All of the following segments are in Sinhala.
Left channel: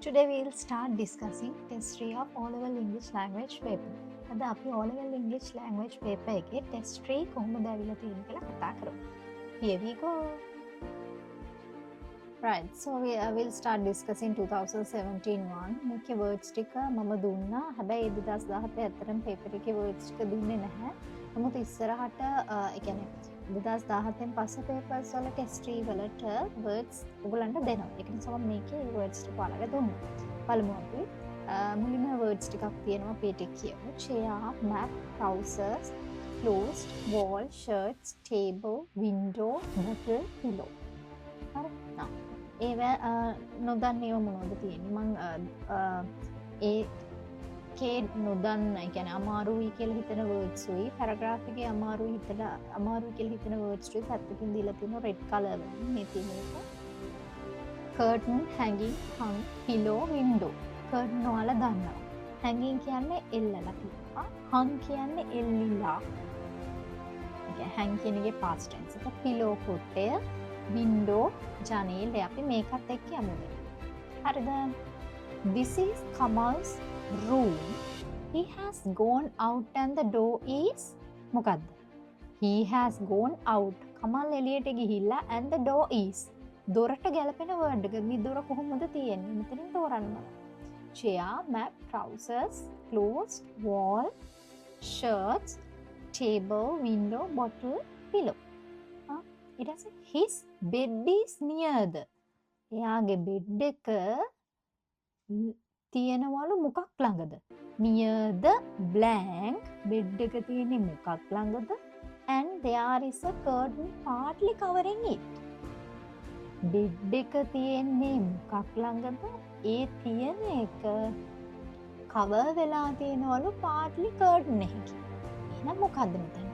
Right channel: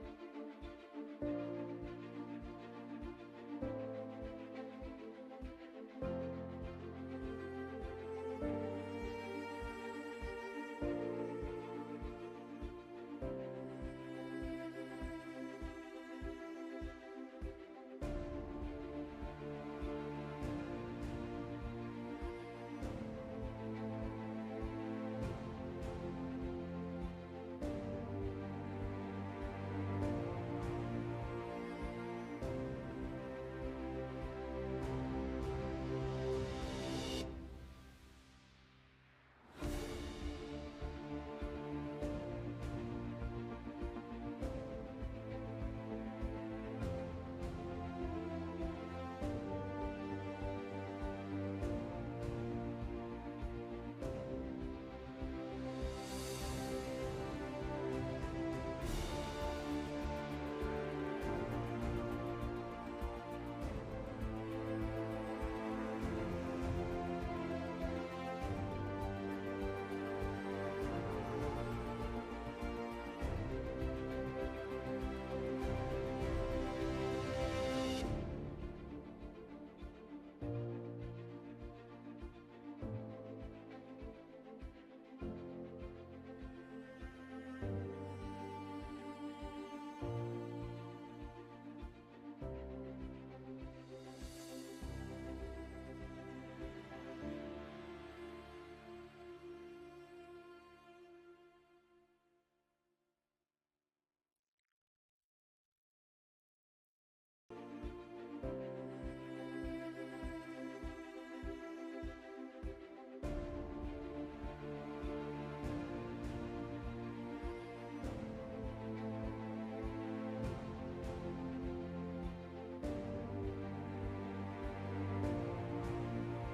Today we will start discussing test 3 of O-level English language paper. අද අපි O-level English language paper එකේ test 3 කොහොමද ඇවිල්ලා තියෙන්නේ කියලා කතා කරමු. Here we go. Right, so we will start discussing 2017 one. මේකේ words ටික මම දුන්නා. හැබැයි 2017 ඇත්තටම paper එකේ words ටික දුන්නේ නැහැ. නමුත් ඉස්සරහට ඒ කියන්නේ 2017 පස්සේ papers වල test 3 වලට words ඔයගලන්ට දෙනවා. ඒක නිසා මම මේකේ words ටික ඔයාලට දුන්නා. බලමු අපි. මුලින්ම words ටිකක් තියෙනවා PT කියමු. chair, map, trousers, clothes, wall, shirts, table, window, bottle, pillow. හරි. ඒව නොදන්නේව මොනවද තියෙන්නේ? මම ඒකේ නොදන්න, ඒ කියන්නේ අමාරුයි කියලා හිතන words උයි paragraph එකේ අමාරු කියලා හිතන words ටික පැත්තකින් දීලා තියෙනවා red color වලින්. මේ තියෙන එක curtain, hanging, hung, pillow, window. curtain වල දන්නවා. hanging කියන්නේ එල්ලලා තියෙනවා. hung කියන්නේ එල්ලිලා. hang කියන එකේ past tense එක. pillow කොටය, window ජනේලය. අපි මේකත් එක්ක යමු. හරිද? This is Kamal's room. He has gone out and the door is මොකද්ද? He has gone out. Kamal එළියට ගිහිල්ලා and the door is. දොරට ගැලපෙන word එක. මේ දොර කොහොමද තියෙන්නේ? මෙතන තෝරන්න. chair, map, trousers, clothes, wall, shirts, table, window, bottle, pillow. It has his bed is near the. එයාගේ bed එක තියෙනවලු මොකක් ළඟද? near the blank. bed එක තියෙන්නේ මොකක් ළඟද? and there is a curtain partly covering it. bed එක තියෙන්නේ මොකක් ළඟද? ඒ තියෙන එක cover වෙලා තියෙනවලු partly curtain එකකින්. එහෙනම් මොකද්ද මෙතන?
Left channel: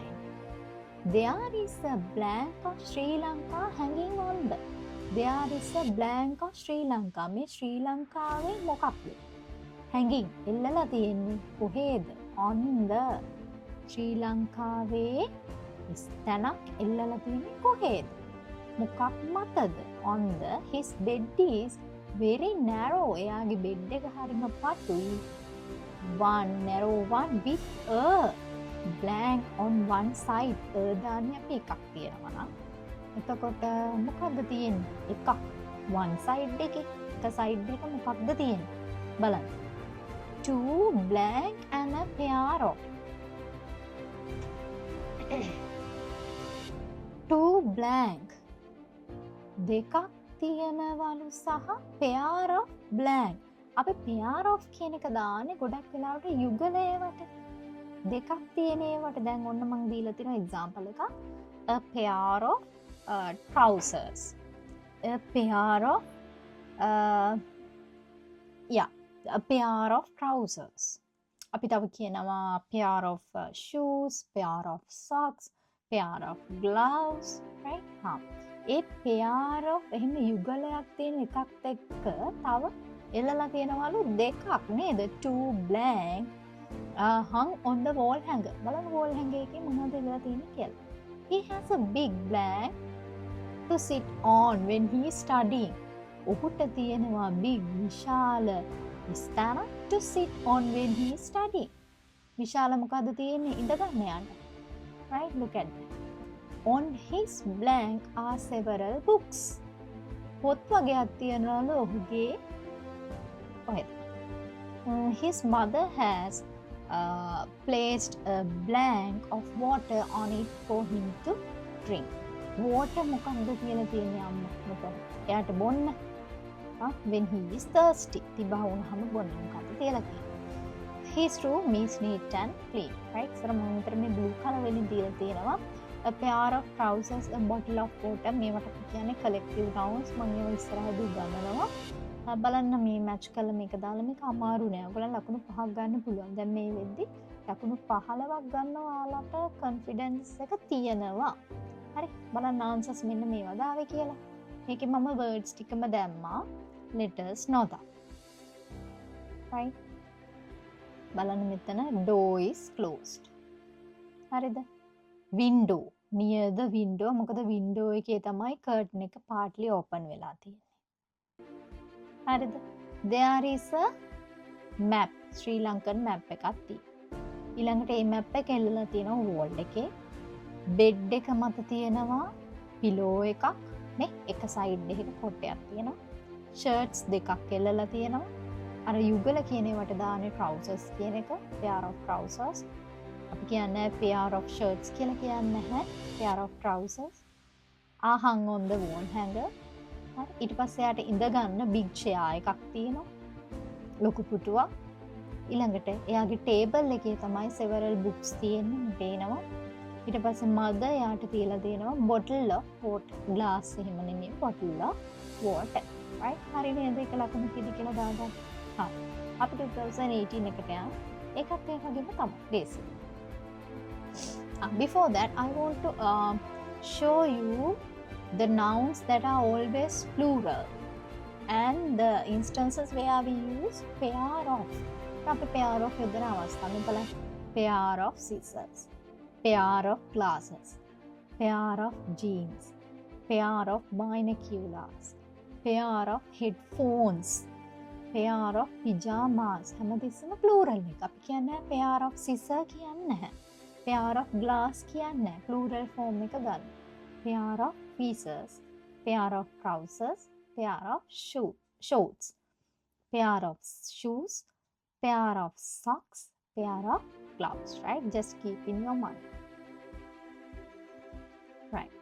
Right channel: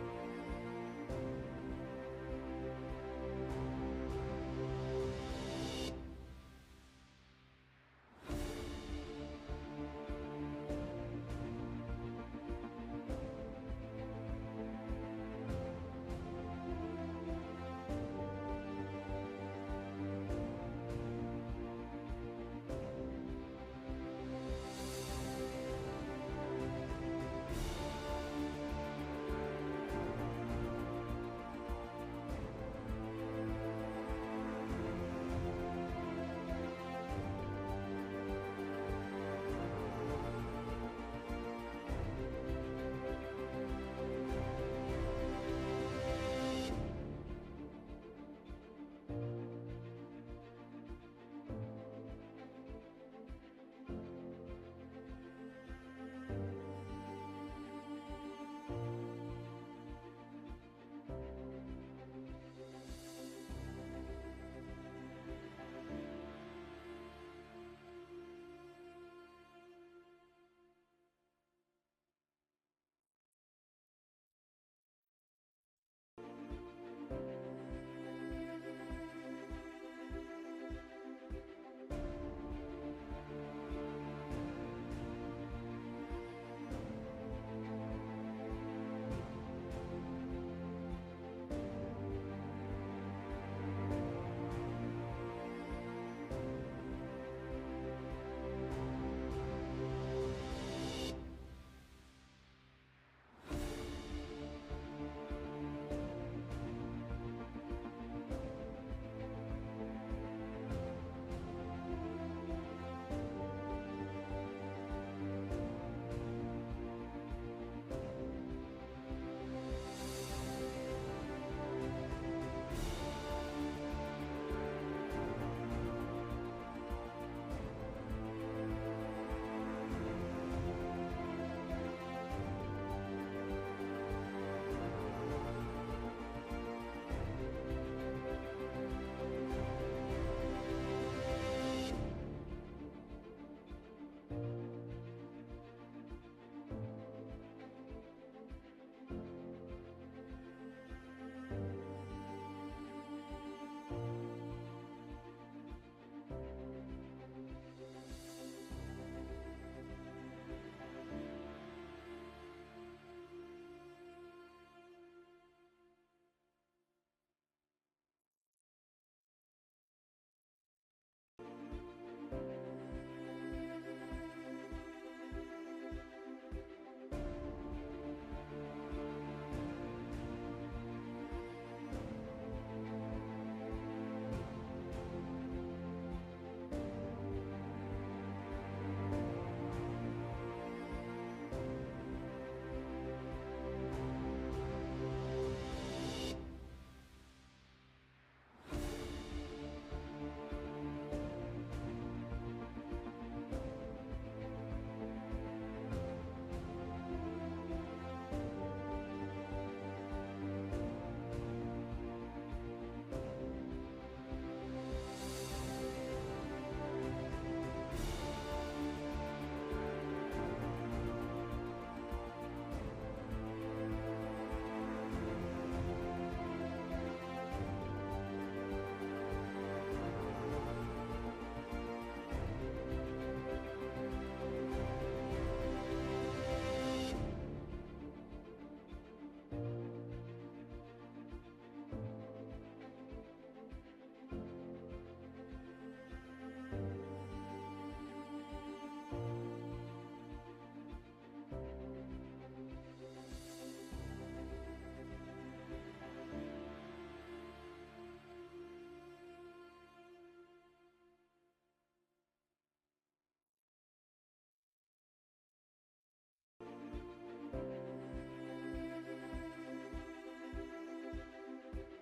There is a blank of Sri Lanka hanging on the. There is a blank of Sri Lanka. මේ ශ්‍රී ලංකාවේ මොකක්ද? hanging එල්ලලා තියෙන්නේ කොහේද? on the. ශ්‍රී ලංකාවේ ස්තනක් එල්ලලා තියෙන්නේ කොහේද? මොකක් මතද? on the. His bed is very narrow. එයාගේ bed එක හරිම පතුයි. one narrow one with a blank on one side. දාන්නේ අපි එකක් තියෙනවා නම්. එතකොට මොකක්ද තියෙන්නේ? එකක්. one side එකේ එක side එක මොකක්ද තියෙන්නේ? බලන්න. two blank and a pair of. two blank දෙකක් තියෙනවලු සහ pair of blank. අපි pair of කියන එක දාන්නේ ගොඩක් වෙලාවට යුගලයකට. දෙකක් තියෙන ඒවට දැන් ඔන්න මම දීලා තියෙන example එකක්. a pair of trousers. a pair of a pair of trousers. අපි තව කියනවා pair of shoes, pair of socks, pair of gloves, right? A pair of එහෙම යුගලයක් තියෙන එකත් එක්ක තව එල්ලලා තියෙනවලු දෙකක් නේද? two blank hung on the wall hanger. බලන්න wall hanger එකේ මොනවද එල්ලලා තියෙන්නේ කියලා. He has a big blank to sit on when he is studying. ඔහුට තියෙනවා big විශාල ස්ථාන to sit on when he is studying. විශාල මොකද්ද තියෙන්නේ? ඉඳ ගන්න යන්න. Right, look at it. On his blank are several books. පොත් වගේක් තියෙනවලු ඔහුගේ ඔය. His mother has placed a blank of water on it for him to drink. water මොකක්ද කියලා තියෙන්නේ අම්මට. එයාට බොන්න. when he is thirsty. තිබා වුණාම බොන්න මොකක්ද කියලා තියෙන්නේ. His room is neat and clean. right? සර මොන්ටර මේ blue color වලින් දීලා තියෙනවා. a pair of trousers, a bottle of water. මේවට කියන්නේ collective nouns. මම මේ ඉස්සරහදී ගන්නවා. බලන්න මේ මැච් කරලා මේක දාලා මේක අමාරු නෑ. ඔයගොල්ලන් ලකුණු 5ක් ගන්න පුළුවන්. දැන් මේ වෙද්දි ලකුණු 15ක් ගන්න ඔයාලට කොන්ෆිඩන්ස් එක තියෙනවා. හරි. බලන්න ආන්සර්ස් මෙන්න මේවා දාවේ කියලා. මේකේ මම words ටිකම දැම්මා. letters නොදා. right. බලන්න මෙතන door is closed. හරිද? window near the window. මොකද window එකේ තමයි curtain එක partly open වෙලා තියෙන්නේ. හරිද? there is a map, Sri Lankan map එකක් තියෙනවා. ඊළඟට මේ map එක එල්ලලා තියෙනවා wall එකේ. bed එක මත තියෙනවා pillow එකක් නේ, එක side එකක කොටයක් තියෙනවා. shirts දෙකක් එල්ලලා තියෙනවා. අර යුගල කියන ඒවට දාන්නේ trousers කියන එක, pair of trousers. අපි කියන්නේ pair of shirts කියලා කියන්නේ නැහැ, pair of trousers. hung on the wall hanger. ඊට පස්සේ යාට ඉඳ ගන්න big chair එකක් තියෙනවා. ලොකු පුටුවක්. ඊළඟට එයාගේ table එකේ තමයි several books තියෙන්නේ පේනවා. ඊට පස්සේ මග යාට තියලා තියෙනවා bottle of water, glass එහෙම නෙමෙයි, bottle of water. right? හරි නේද? ඒක ලකුණු කීයද කියලා දාගන්න. හා. අපි 2018 එකට යනවා. ඒකත් ඒ වගේම තමයි basic. Before that, I want to show you the nouns that are always plural and the instances where we use pair of. අපි pair of විතර අවස්ථාවෙ බලන්න. pair of scissors, pair of glasses, pair of jeans, pair of binoculars, pair of headphones, pair of pyjamas. හැමතිස්සෙම plural එක. අපි කියන්නේ pair of scissor කියන්නේ නැහැ. pair of glass කියන්නේ නැහැ. plural form එක ගන්න. pair of pieces, pair of trousers, pair of shorts, pair of shoes, pair of socks, pair of gloves, right? Just keep in your mind. Right.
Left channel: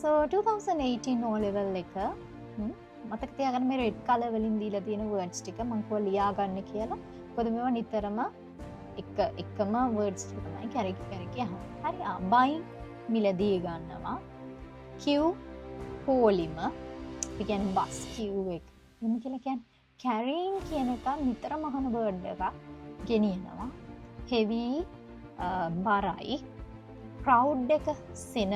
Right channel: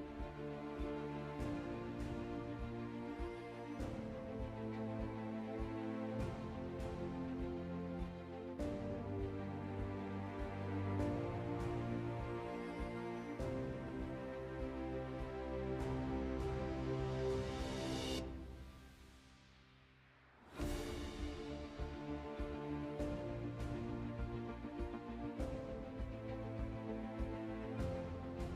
So 2018 O level එක මතක තියාගන්න මේ red color වලින් දීලා තියෙන words ටික මම කොහොම ලියා ගන්න කියලා. මොකද මේවා නිතරම එකම words ටික තමයි කැරකි අහන්න. හරි. buying මිලදී ගන්නවා. queue polymer. ඒ කියන්නේ bus queue එක. මොන කියලා කියන්නේ carrying කියන එක නිතරම අහන word එකක්. ගෙනියනවා. heavy බරයි. crowd එක සෙනග.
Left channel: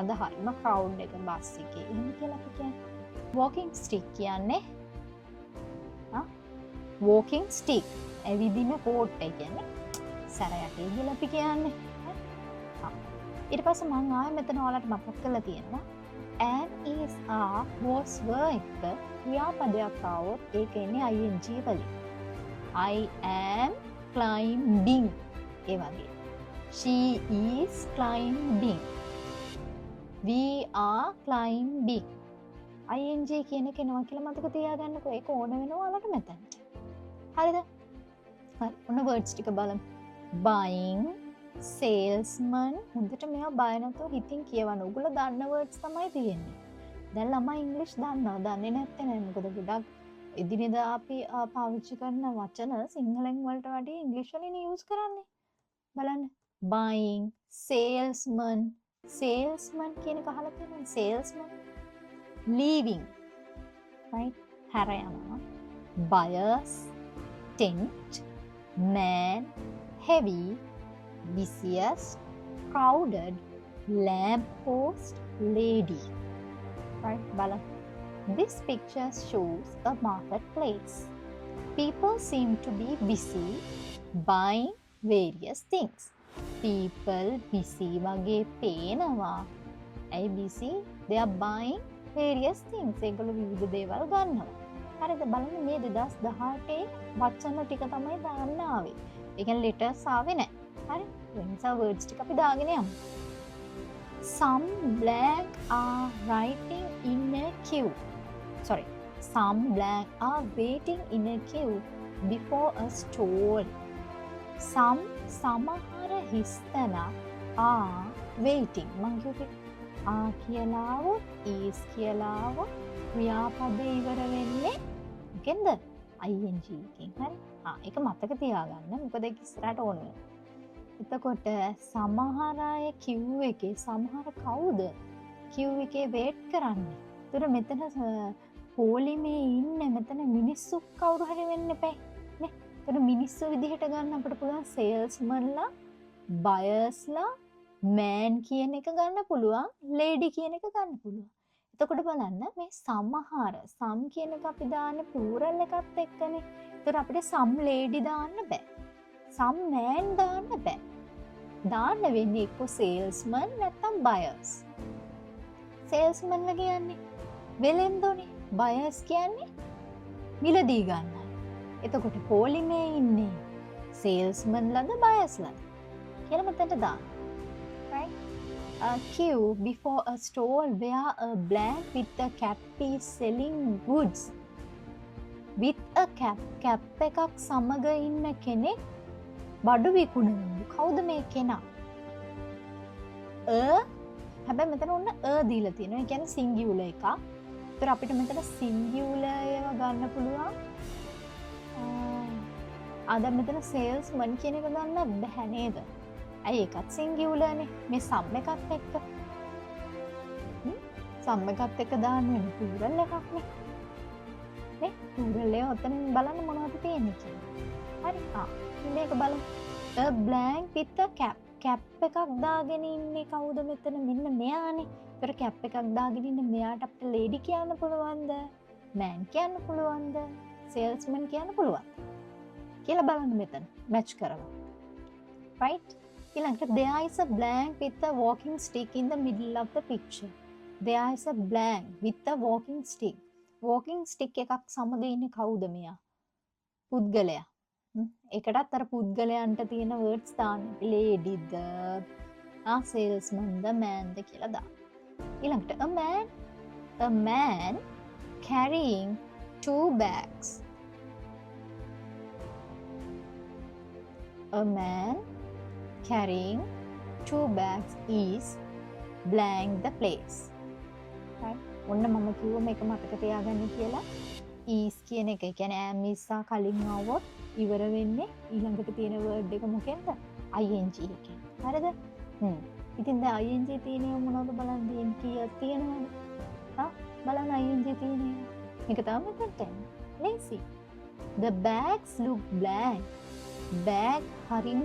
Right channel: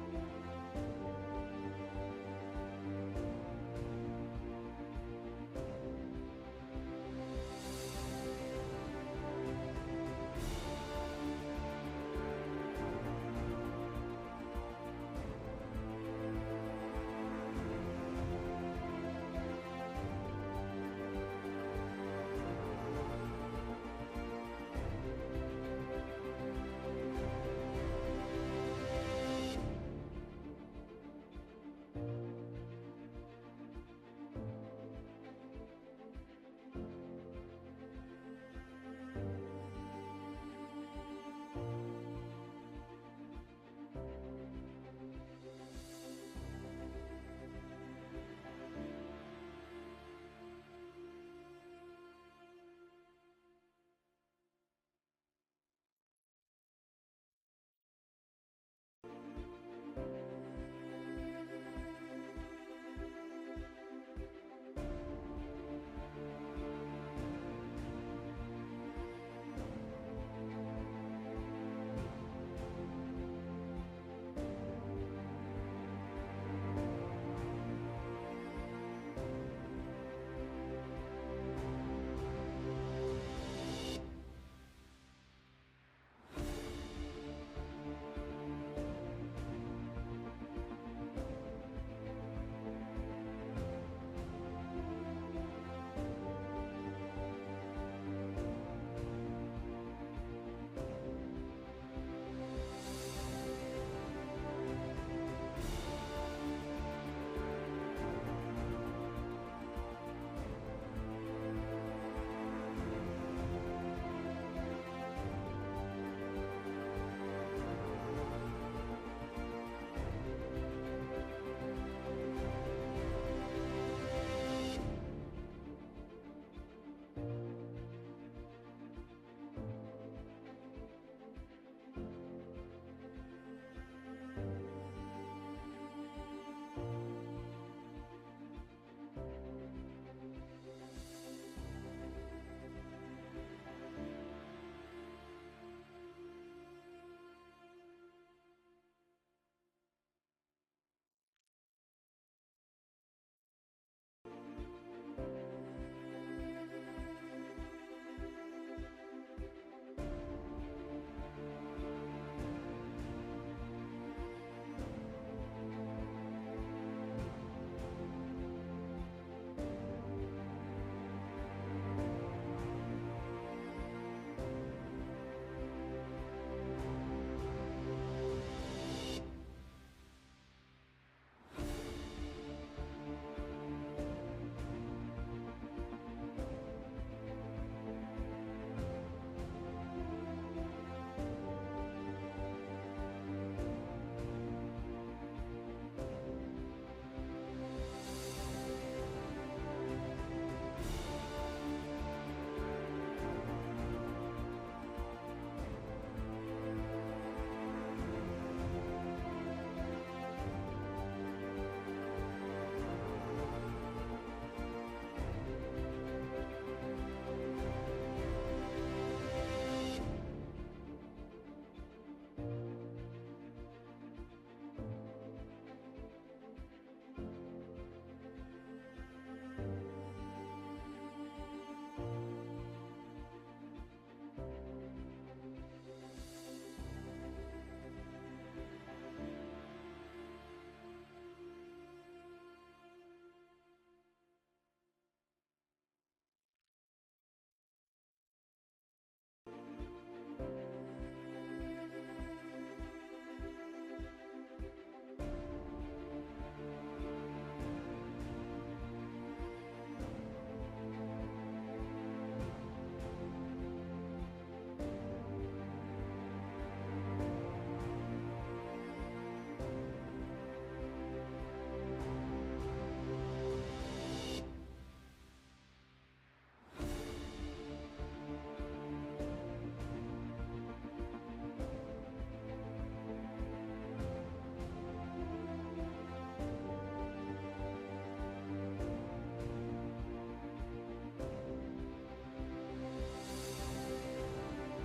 අද හරිම crowd එක බස් එකේ. මොන කියලා කියන්නේ walking stick කියන්නේ walking stick. ඇවිදින පොට් එක කියන්නේ සැරයක් ඉඳලා අපි කියන්නේ. ඊට පස්සේ මම ආයෙ මෙතන ඔයාලට මතක් කරලා තියෙනවා and is are was were එක ක්‍රියාපදයක් આવොත් ඒක එන්නේ ing වලින්. I am climbing ඒ වගේ. She is climbing. We are climbing. ing කියන එක එනවා කියලා මතක තියාගන්නකෝ. ඒක ඕන වෙනවා ඔයාලට මෙතන. හරිද? හරි. ඔන්න words ටික බලමු. buying, salesman. හොඳට මේවා බය නැතුව හිතින් කියවන්න. ඔයගොල්ලෝ දන්න words තමයි තියෙන්නේ. දැන් ළමයි ඉංග්‍රීසි දන්නවා. දන්නේ නැත්නම් නෑ. මොකද ගොඩක් එදිනෙදා අපි පාවිච්චි කරන වචන සිංහලෙන් වලට වඩා ඉංග්‍රීසි වලින් යූස් කරන්නේ. බලන්න. buying, salesman. salesman කියන එක අහලා තියෙනවද? salesman. leaving. right? හැර යනවා. buyers, tent, man, heavy, busiest, crowded, lamppost, lady. Right, Bala? This picture shows a marketplace. People seem to be busy buying various things. People busy වගේ පේනවා. ඇයි busy? They are buying various things. ඒගොල්ලෝ විවිධ දේවල් ගන්නවා. හරිද? බලන්න මේ 2018 වචන ටික තමයි දාන්න ආවේ. ඒ කියන්නේ letters ආවේ නැහැ. හරි? ඒ නිසා words ටික අපි දාගෙන යමු. Some black are writing in a queue. Sorry. Some black are waiting in a queue before a stall. Some සමහර හිස්තැන are waiting. මම කිව්වේ කියලාවොත් is කියලාවොත් ක්‍රියාපද ඉවර වෙන්නේ මොකෙන්ද? ing එකෙන්. හරි? ඒක මතක තියාගන්න. මොකද ඒක ඉස්සරහට ඕන වෙනවා. එතකොට සමහර අය queue එකේ සමහර කවුද queue එකේ wait කරන්නේ? ඒතර මෙතන පොලිමේ ඉන්නේ මෙතන මිනිස්සු කවුරු හරි වෙන්න එපා නේ. ඒතර මිනිස්සු විදිහට ගන්න අපිට පුළුවන් salesmanලා, buyersලා, man කියන එක ගන්න පුළුවන්, lady කියන එක ගන්න පුළුවන්. එතකොට බලන්න මේ සමහර some කියන එක අපි දාන්නේ plural එකත් එක්කනේ. ඒතර අපිට some lady දාන්න බෑ. some man දාන්න බෑ. දාන්න වෙන්නේ එක්ක salesman නැත්නම් buyers. salesman ලා කියන්නේ වෙලෙන්දෝනේ. buyers කියන්නේ මිලදී ගන්නයි. එතකොට පෝලිමේ ඉන්නේ salesmanලාද buyerslaද කියලා මෙතනට දාන්න. Right? A queue before a stall where a blank with a cap is selling goods. With a cap එකක් සමග ඉන්න කෙනෙක් බඩු විකුණනවා. කවුද මේ කෙනා? හැබැයි මෙතන ඔන්න දීලා තියෙනවා. ඒ කියන්නේ සිංගියුලර් එකක්. ඒතර අපිට මෙතන සිංගියුලර් ඒවා ගන්න පුළුවන්. දැන් මෙතන salesman කියන එක ගන්න බැහැ නේද? ඇයි ඒකත් සිංගියුලර්නේ. මේ සම් එකත් එක්ක. සම් එකත් එක්ක දාන්න වෙන plural එකක් නේ. නේ? plural එක ඔතනින් බලන්න මොනවද තියෙන්නේ කියලා. හරි. මේක බලන්න. A blank with a cap. Cap එකක් දාගෙන ඉන්නේ කවුද මෙතන? මෙන්න මෙයානේ. ඒතර කැප් එකක් දාගෙන ඉන්න මෙයාට අපිට ලේඩි කියන්න පුළුවන්ද? මෑන් කියන්න පුළුවන්ද? සේල්ස්මන් කියන්න පුළුවන්. කියලා බලන්න මෙතන මැච් කරලා. right? ඊළඟට there is a blank with a walking stick in the middle of the picture. There is a blank with a walking stick. walking stick එකක් සමග ඉන්නේ කවුද මෙයා? පුද්ගලයා. එකටත් අර පුද්ගලයන්ට තියෙන words දාන්න. lady the salesman the man ද කියලා දාන්න. ඊළඟට a man carrying 2 bags. A man carrying 2 bags is blank the place. ඔන්න මම කිව්ව මේක මතක තියාගන්න කියලා. is කියන එක කියන්නේ am is කලින් આવොත් ඉවර වෙන්නේ ඊළඟට තියෙන word එක මොකෙන්ද? ing එකෙන්. හරිද? ඉතින් දැන් ing තියෙන්නේ මොනවද බලන්න දෙන්න කීයක් තියෙනවද? බලන්න ing තියෙන්නේ. මේක තමයි මෙතන. lazy. The bags look blank. bag හරිම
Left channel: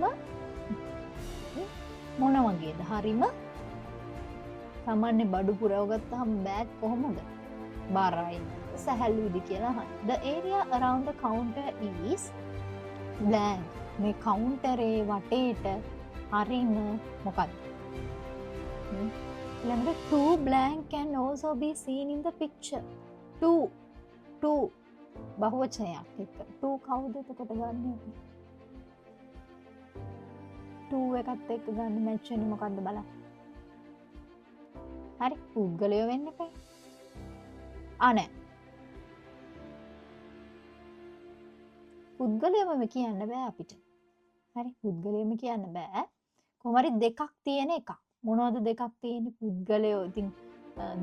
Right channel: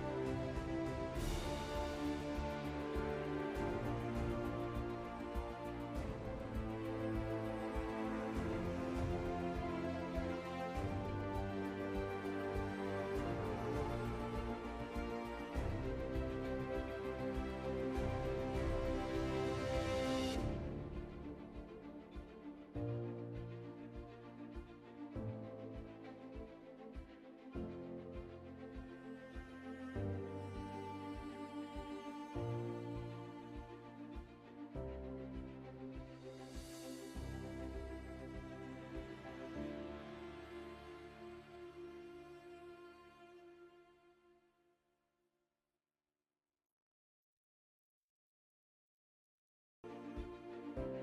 මොන වගේද? හරිම සාමාන්‍ය බඩු පුරව ගත්තාම bag කොහොමද? බරයි. සැහැල්ලුද කියලා අහන්න. The area around the counter is blank. මේ කවුන්ටරේ වටේට හරිම මොකක්ද? ඊළඟට 2 blank can also be seen in the picture. 2 බහුවචනයක් එක්ක. 2 කවුද එතකොට ගන්න? 2 එකත් එක්ක ගන්න මැච් වෙන්නේ මොකද්ද බලන්න. හරි පුද්ගලයෝ වෙන්න එපා. නෑ. පුද්ගලයම කියන්න බෑ අපිට. හරි පුද්ගලයම කියන්න බෑ. කොහොම හරි දෙකක් තියෙන එකක්. මොනවද දෙකක් තියෙන්නේ? පුද්ගලයෝ. ඉතින්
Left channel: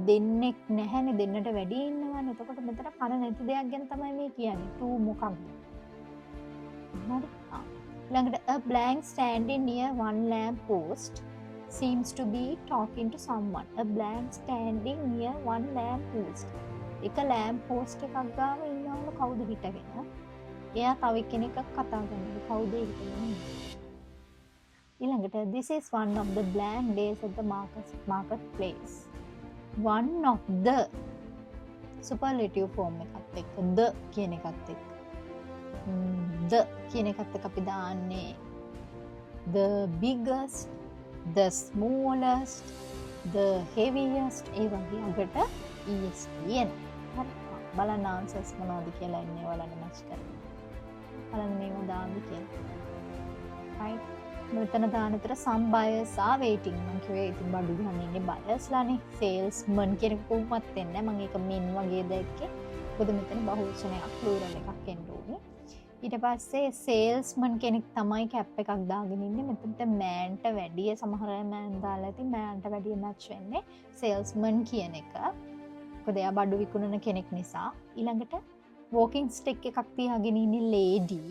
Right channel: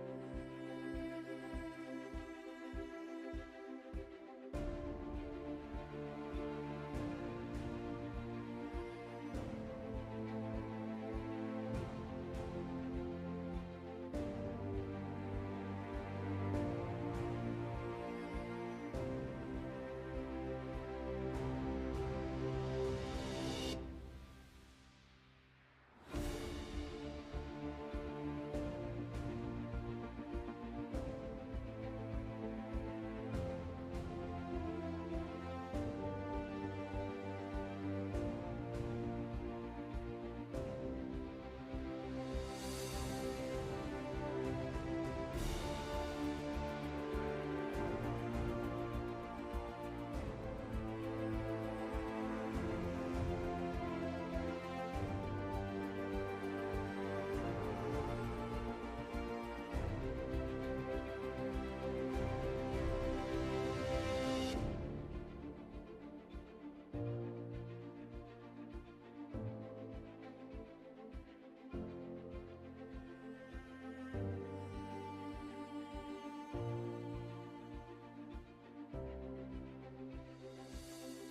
දෙන්නෙක් නැහැනේ, දෙන්නට වැඩි ඉන්නවනේ. එතකොට මෙතන කන නැති දෙයක් ගැන තමයි මේ කියන්නේ. 2 මොකක්ද? හරි. ළඟට a blank standing near one lamp post seems to be talking to someone. A blank standing near one lamp post. එක lamp post එකක් ගාව ඉන්නවම කවුද හිටගෙන? එයා තව කෙනෙක්ව කතා කරනවා. කවුද ඊළඟට this is one of the blank days at the marketplace. one of the superlative form එකත් එක්ක the කියන එකත් එක්ක the කියන එකත් එක්ක අපි දාන්නේ the biggest, the smallest, the heaviest ඒ වගේ අගට is කියන. බලන්න answers මොනවද කියලා ඉන්නේ ඔයාලා මැච් කරලා. බලන්න මේක දාන්න කියන්නේ. right. මෙතන දාන විතර some buyers are waiting. මම කිව්වේ ඉතින් බඩු ගන්න ඉන්නේ buyers ලානේ. salesman කියන කොහොමවත් වෙන්නේ නැහැ. මම ඒක min වගේ දැක්කේ. මොකද මෙතන බහුවචනයක් plural එකක් එන්න ඕනේ. ඊට පස්සේ salesman කෙනෙක් තමයි කැප් එකක් දාගෙන ඉන්නේ. මෙතනට manට වැඩිය සමහර අය man දාලා ඉතින් manට වැඩිය match වෙන්නේ salesman කියන එක. මොකද එයා බඩු විකුණන කෙනෙක් නිසා. ඊළඟට walking stick එකක් තියාගෙන ඉන්නේ lady.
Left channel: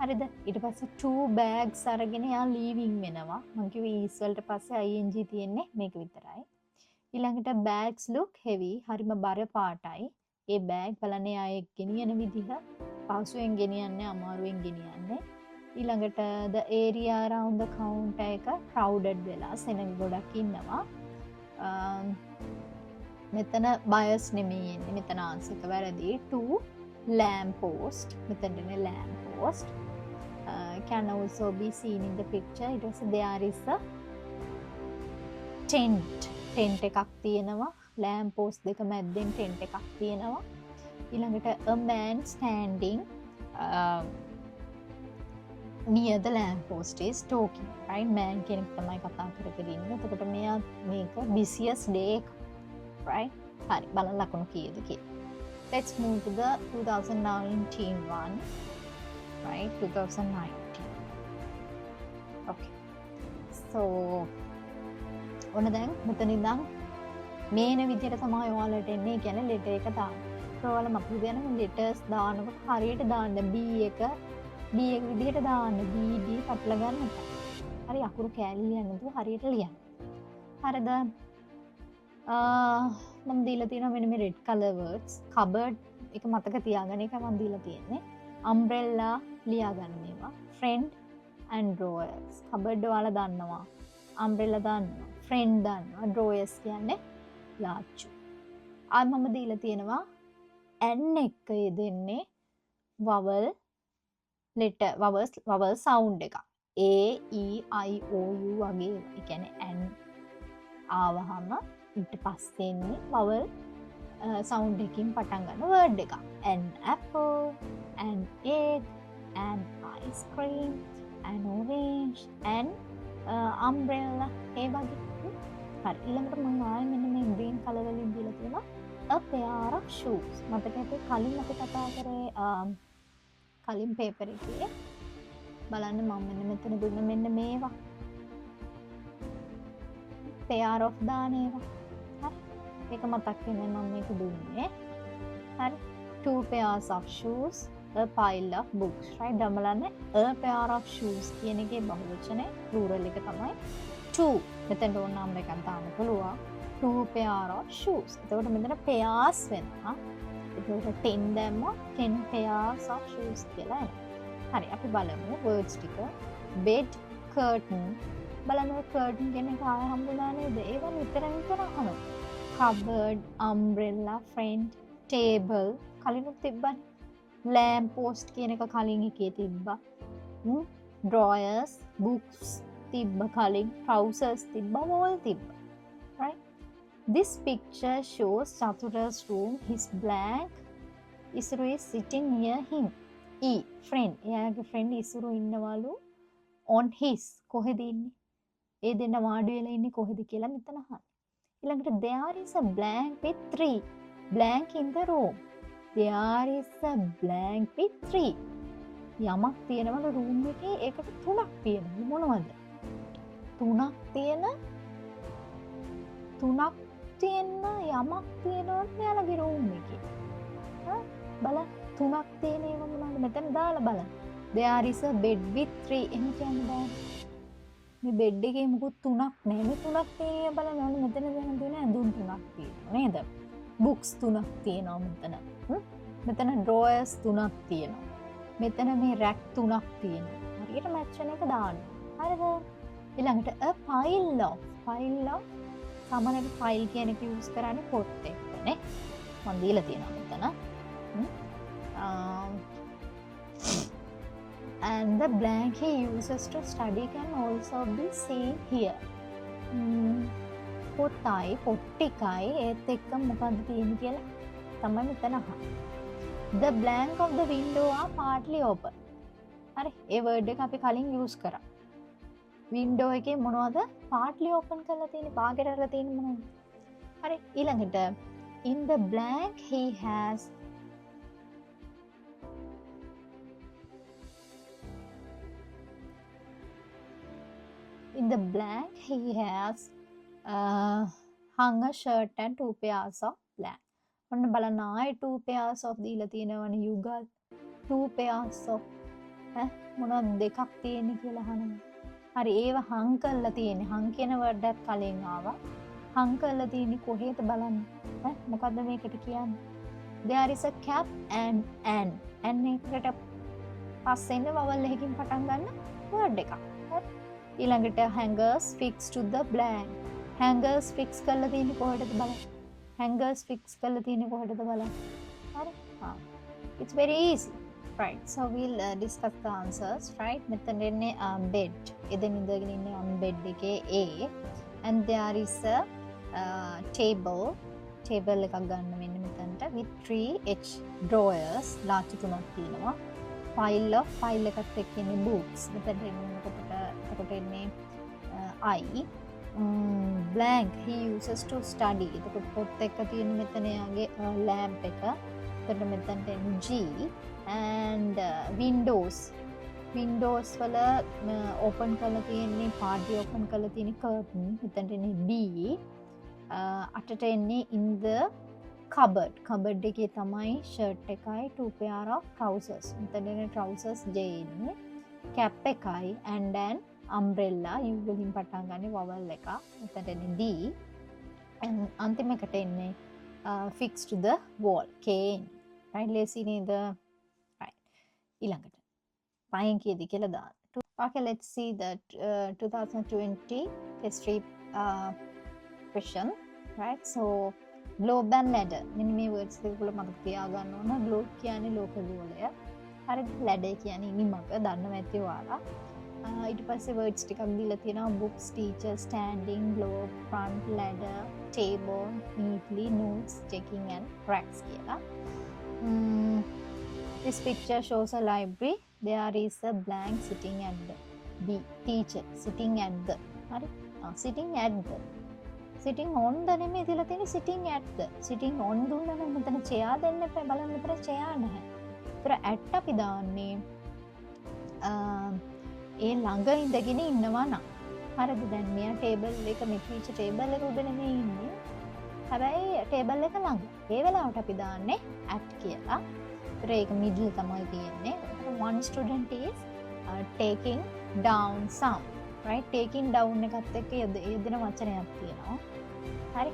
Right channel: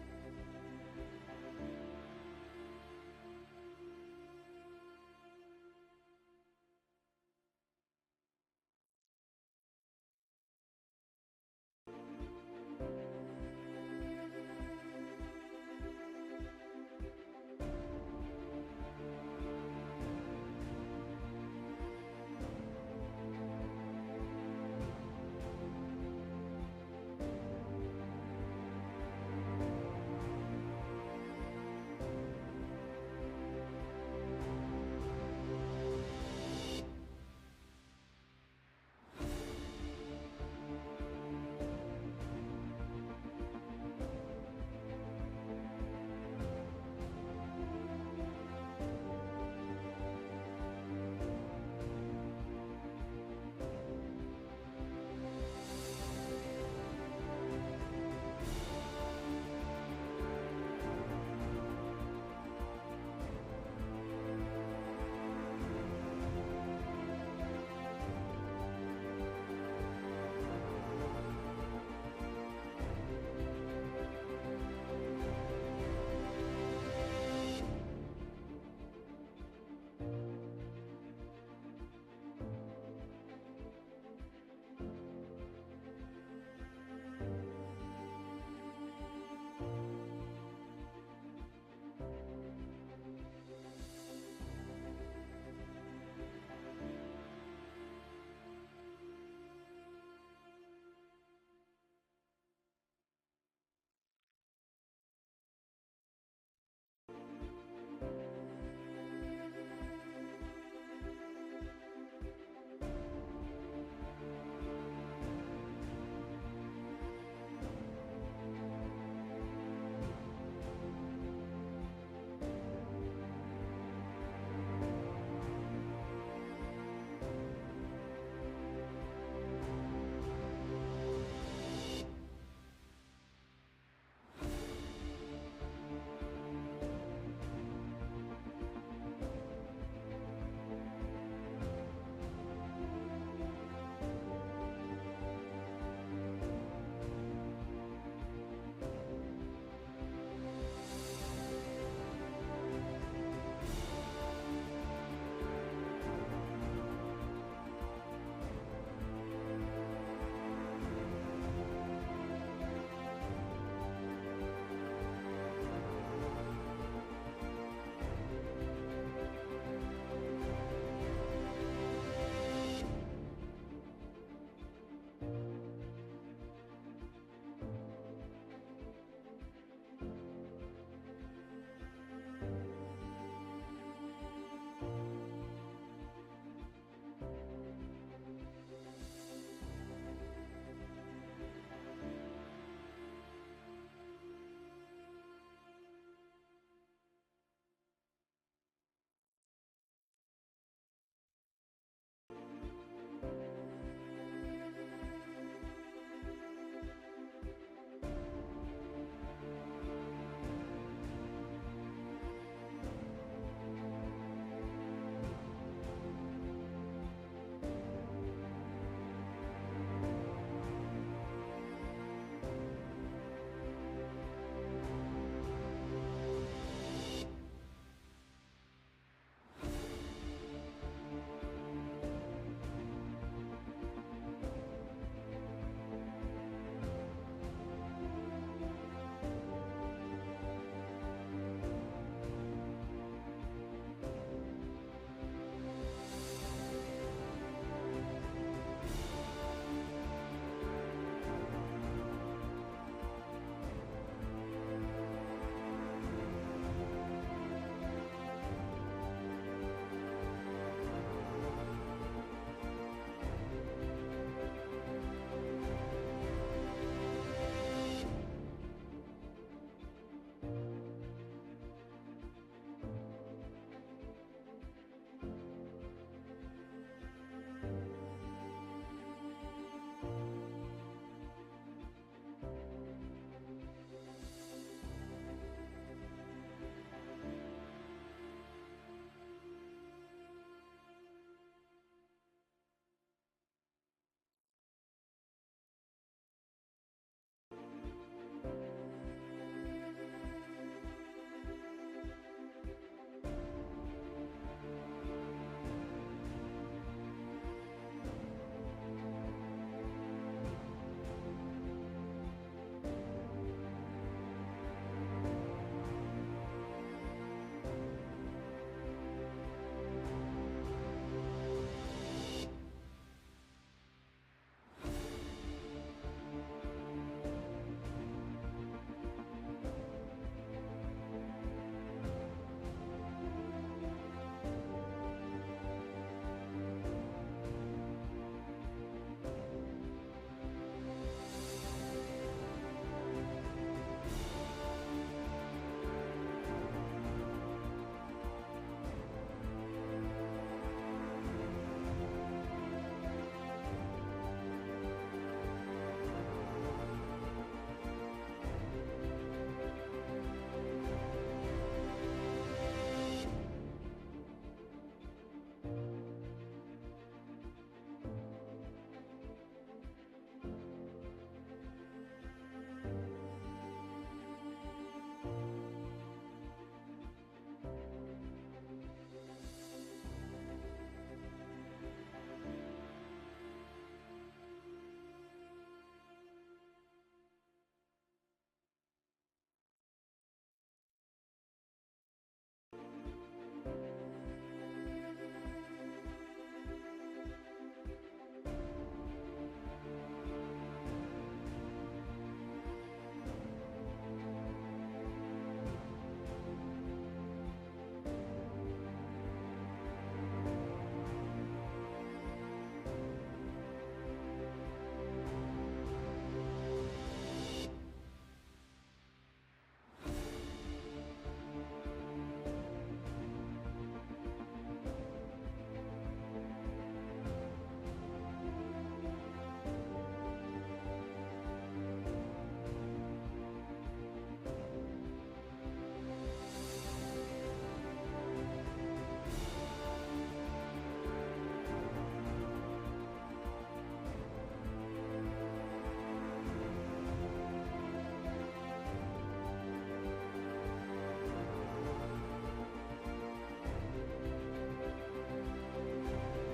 හරිද? ඊට පස්සේ 2 bags අරගෙන එයා leaving වෙනවා. මම කිව්වේ is වලට පස්සේ ing තියෙන්නේ මේක විතරයි. ඊළඟට bags look heavy. හරිම බර පාටයි. ඒ bag බලන්න එයා ගෙනියන විදිහ පහසුවෙන් ගෙනියන්නේ අමාරුවෙන් ගෙනියන්නේ. ඊළඟට the area around the counter එක crowded වෙලා සෙනඟ ගොඩක් ඉන්නවා. මෙතන buyers නෙමෙයි එන්නේ. මෙතන answer එක වැරදි. 2 lamp post. මෙතනනේ lamp post. Can also be seen in the picture. It was there is a tent. tent එකක් තියෙනවා. lamp post දෙක මැද්දෙන් tent එකක් තියෙනවා. ඊළඟට ඊළඟට a man standing near the lamp post is talking, right? Man කෙනෙක් තමයි කතා කරගෙන ඉන්නේ. එතකොට මෙයා මේක busiest day එක, right? හරි බලන්න ලකුණු කීයද කියලා. Let's move to the 2019 one, right? 2019. Okay. So ඔන්න දැන් මෙතන ඉඳන් මේන විදියට තමයි ඔයාලට එන්නේ. කියන්නේ letter එක දාන්න. ඒක ඔයාලා මම කියන්නේ letters දානකොට හරියට දාන්න B එක විදිහට දාන්න. B D කපලා ගන්න. හරි අකුරු කෑලි ලියන්න නේද? හරියට ලියන්න. හරිද? මම දීලා තියෙනවා මෙන්න මේ red color words. cupboard එක මතක තියාගන්න. ඒක මම දීලා තියෙන්නේ. umbrella ලියාගන්න මේවා. friend and drawers. cupboard ඔයාලා දන්නවා. umbrella දන්නවා. friend දන්නවා. drawers කියන්නේ ලාච්චු. ආ මම දීලා තියෙනවා n එක යෙදෙන්නේ vowel letter vowel sound එක. A E I O U වගේ. ඒ කියන්නේ n ආවහම ඊට පස්සේ එන්නේ vowel sound එකකින් පටන් ගන්න word එක. an apple, an egg, an ice cream, an orange, an umbrella. ඒ වගේ. හරි ඊළඟට මම ආයෙ මෙන්න මේ green color වලින් දීලා තියෙනවා a pair of shoes. මතක අපේ කලින් අපි කතා කරේ කලින් paper එකේ බලන්න මම මෙතන දුන්නේ මෙන්න මේවා pair of දාන ඒවා. හරි ඒක මතක් වෙන්නේ මම මේක දුන්නේ. හරි two pairs of shoes, a pile of books, right? දමලන්නේ a pair of shoes කියන එකේ බහුවචනේ plural එක තමයි two. මෙතන ඕන නම් එකක් දාන්න පුළුවන්. two pair of shoes. එතකොට මෙතන pairs වෙනවා. ඒක 10 දැම්මොත් 10 pairs of shoes කියලා එනවා. හරි අපි බලමු words ටික. bed, curtain. බලන්න curtain කියන එක ආයෙ හම්බුනා නේද? ඒක විතර අහනවා. cupboard, umbrella, friend, table කලිනුත් තිබ්බා. lamp post කියන එක කලින් එකේ තිබ්බා. drawers, books තිබ්බා කලින්. trousers තිබ්බා. wall තිබ්බා. right? This picture shows Chathura's room. His blank Isuru is sitting near him. E. Friend. එයාගේ friend ඉසුරු ඉන්නවලු on his. කොහෙද ඉන්නේ? ඒ දෙන්න වාඩි වෙලා ඉන්නේ කොහෙද කියලා මෙතන අහන්න. ඊළඟට there is a blank with 3. Blank in the room. There is a blank with 3. යමක් තියෙනවලු room එකේ ඒකට 3ක් තියෙනවා. මොනවද? 3ක් තියෙන යමක් තියෙනවා මෙයාලගේ room එකේ. බලන්න 3ක් තියෙන ඒවා මොනවද? මෙතන දාලා බලන්න. There is a bed with 3. එහෙම කියන්නේ මේ බෙඩ් එකේ මුකුත් 3ක් නැහැ. මේ 3ක් තියෙන බලන්න ඕනේ. මෙතන තියෙන ඇඳුම් 3ක් තියෙනවා නේද? books 3ක් තියෙනවා මෙතන. මෙතන drawers 3ක් තියෙනවා. මෙතන මේ rack 3ක් තියෙනවා. හරියට match වෙන එක දාන්න. හරිද? ඊළඟට a pile of සාමාන්‍යයෙන් file කියන එක use කරන්නේ පොත් එක නේ. මම දීලා තියෙනවා මෙතන. And the blank he uses to study can also be seen here. පොට්ටයි පොට්ටිකයි ඒත් එක්ක මොකක්ද තියෙන්නේ කියලා තමයි මෙතන අහන්නේ. The blank of the window are partly open. හරි ඒ word එක අපි කලින් use කරා. window එකේ මොනවද partly open කරලා තියෙන්නේ? පාග කරලා තියෙන්නේ මොනවද? හරි ඊළඟට in the blank he has hung a shirt and 2 pairs of blank. ඔන්න බලන්න ආයේ 2 pairs of දීලා තියෙනවනේ යුගල් 2 pairs of මොනවද දෙකක් තියෙන්නේ කියලා අහනවා. හරි ඒව hung කරලා තියෙන්නේ. hung කියන word එකත් කලින් ආවා. hung කරලා තියෙන්නේ කොහෙද බලන්න. මොකද්ද මේකට කියන්නේ? there is a cap and an එකට පස්සෙන් vowel එකකින් පටන් ගන්න word එකක්. ඊළඟට hangers fixed to the blank. hangers fix කරලා තියෙන්නේ කොහෙද බලන්න. hangers fix කරලා තියෙන්නේ කොහෙද බලන්න. හරි. It's very easy. Right. So we'll discuss the answers. Right. මෙතන ඉන්නේ bed. එදෙන් ඉඳගෙන ඉන්නේ bed එකේ A. And there is a table. table එකක් ගන්න මෙන්න මෙතනට. with 3H drawers large තුනක් තියෙනවා. file එකත් එක්ක ඉන්නේ books. එතකොට එන්නේ I blank he uses to study. එතකොට පොත් එක තියෙන මෙතන යාගේ lamp එක. එතකොට මෙතනට එන්නේ G and windows වල open කරලා තියෙන්නේ පාඩි open කරලා තියෙන curtain. මෙතනට එන්නේ B අටට එන්නේ in the cupboard එකේ තමයි shirt එකයි 2 pair of trousers. මෙතන එන්නේ trousers J එන්නේ cap එකයි and then umbrella U වලින් පටන් ගන්න vowel එක. මෙතන එන්නේ D and අන්තිම එකට එන්නේ fixed to the wall K right lazy නේද right ඊළඟට පහෙන් කීයද කියලා දාන්න. Okay, let's see the 2020 history question, right? So globe and ladder මෙන්න මේ words දෙක වල මතක තියාගන්න ඕන. globe කියන්නේ ලෝක ගෝලය. හරිද? ladder කියන්නේ නිමක දන්නව ඇති ඔයාලා. ඊට පස්සේ words ටිකක් දීලා තියෙනවා books, teacher, standing, globe, front, ladder, table, neatly, notes, checking and racks කියලා. This picture shows a library. There is a blank sitting at the teacher sitting at the sitting at the sitting on the නෙමෙයි දීලා තියෙන්නේ sitting at the sitting on දුන්නා නම් මෙතන chair දෙන්න එපා බලන්න මෙතන chair නැහැ. ඒතර at අපි දාන්නේ ඒ ළඟ ඉඳගෙන ඉන්නවා නම් හරිද දැන් මෙයා ටේබල් එක මේ teacher ටේබල් එක උඩ නෙමෙයි ඉන්නේ. හැබැයි ටේබල් එක ළඟ. ඒ වෙලාවට අපි දාන්නේ at කියලා. ඒතර ඒක middle තමයි තියෙන්නේ. One student is taking down some, right? Taking down එකත් එක්ක යෙදෙන වචනයක් තියෙනවා. හරි.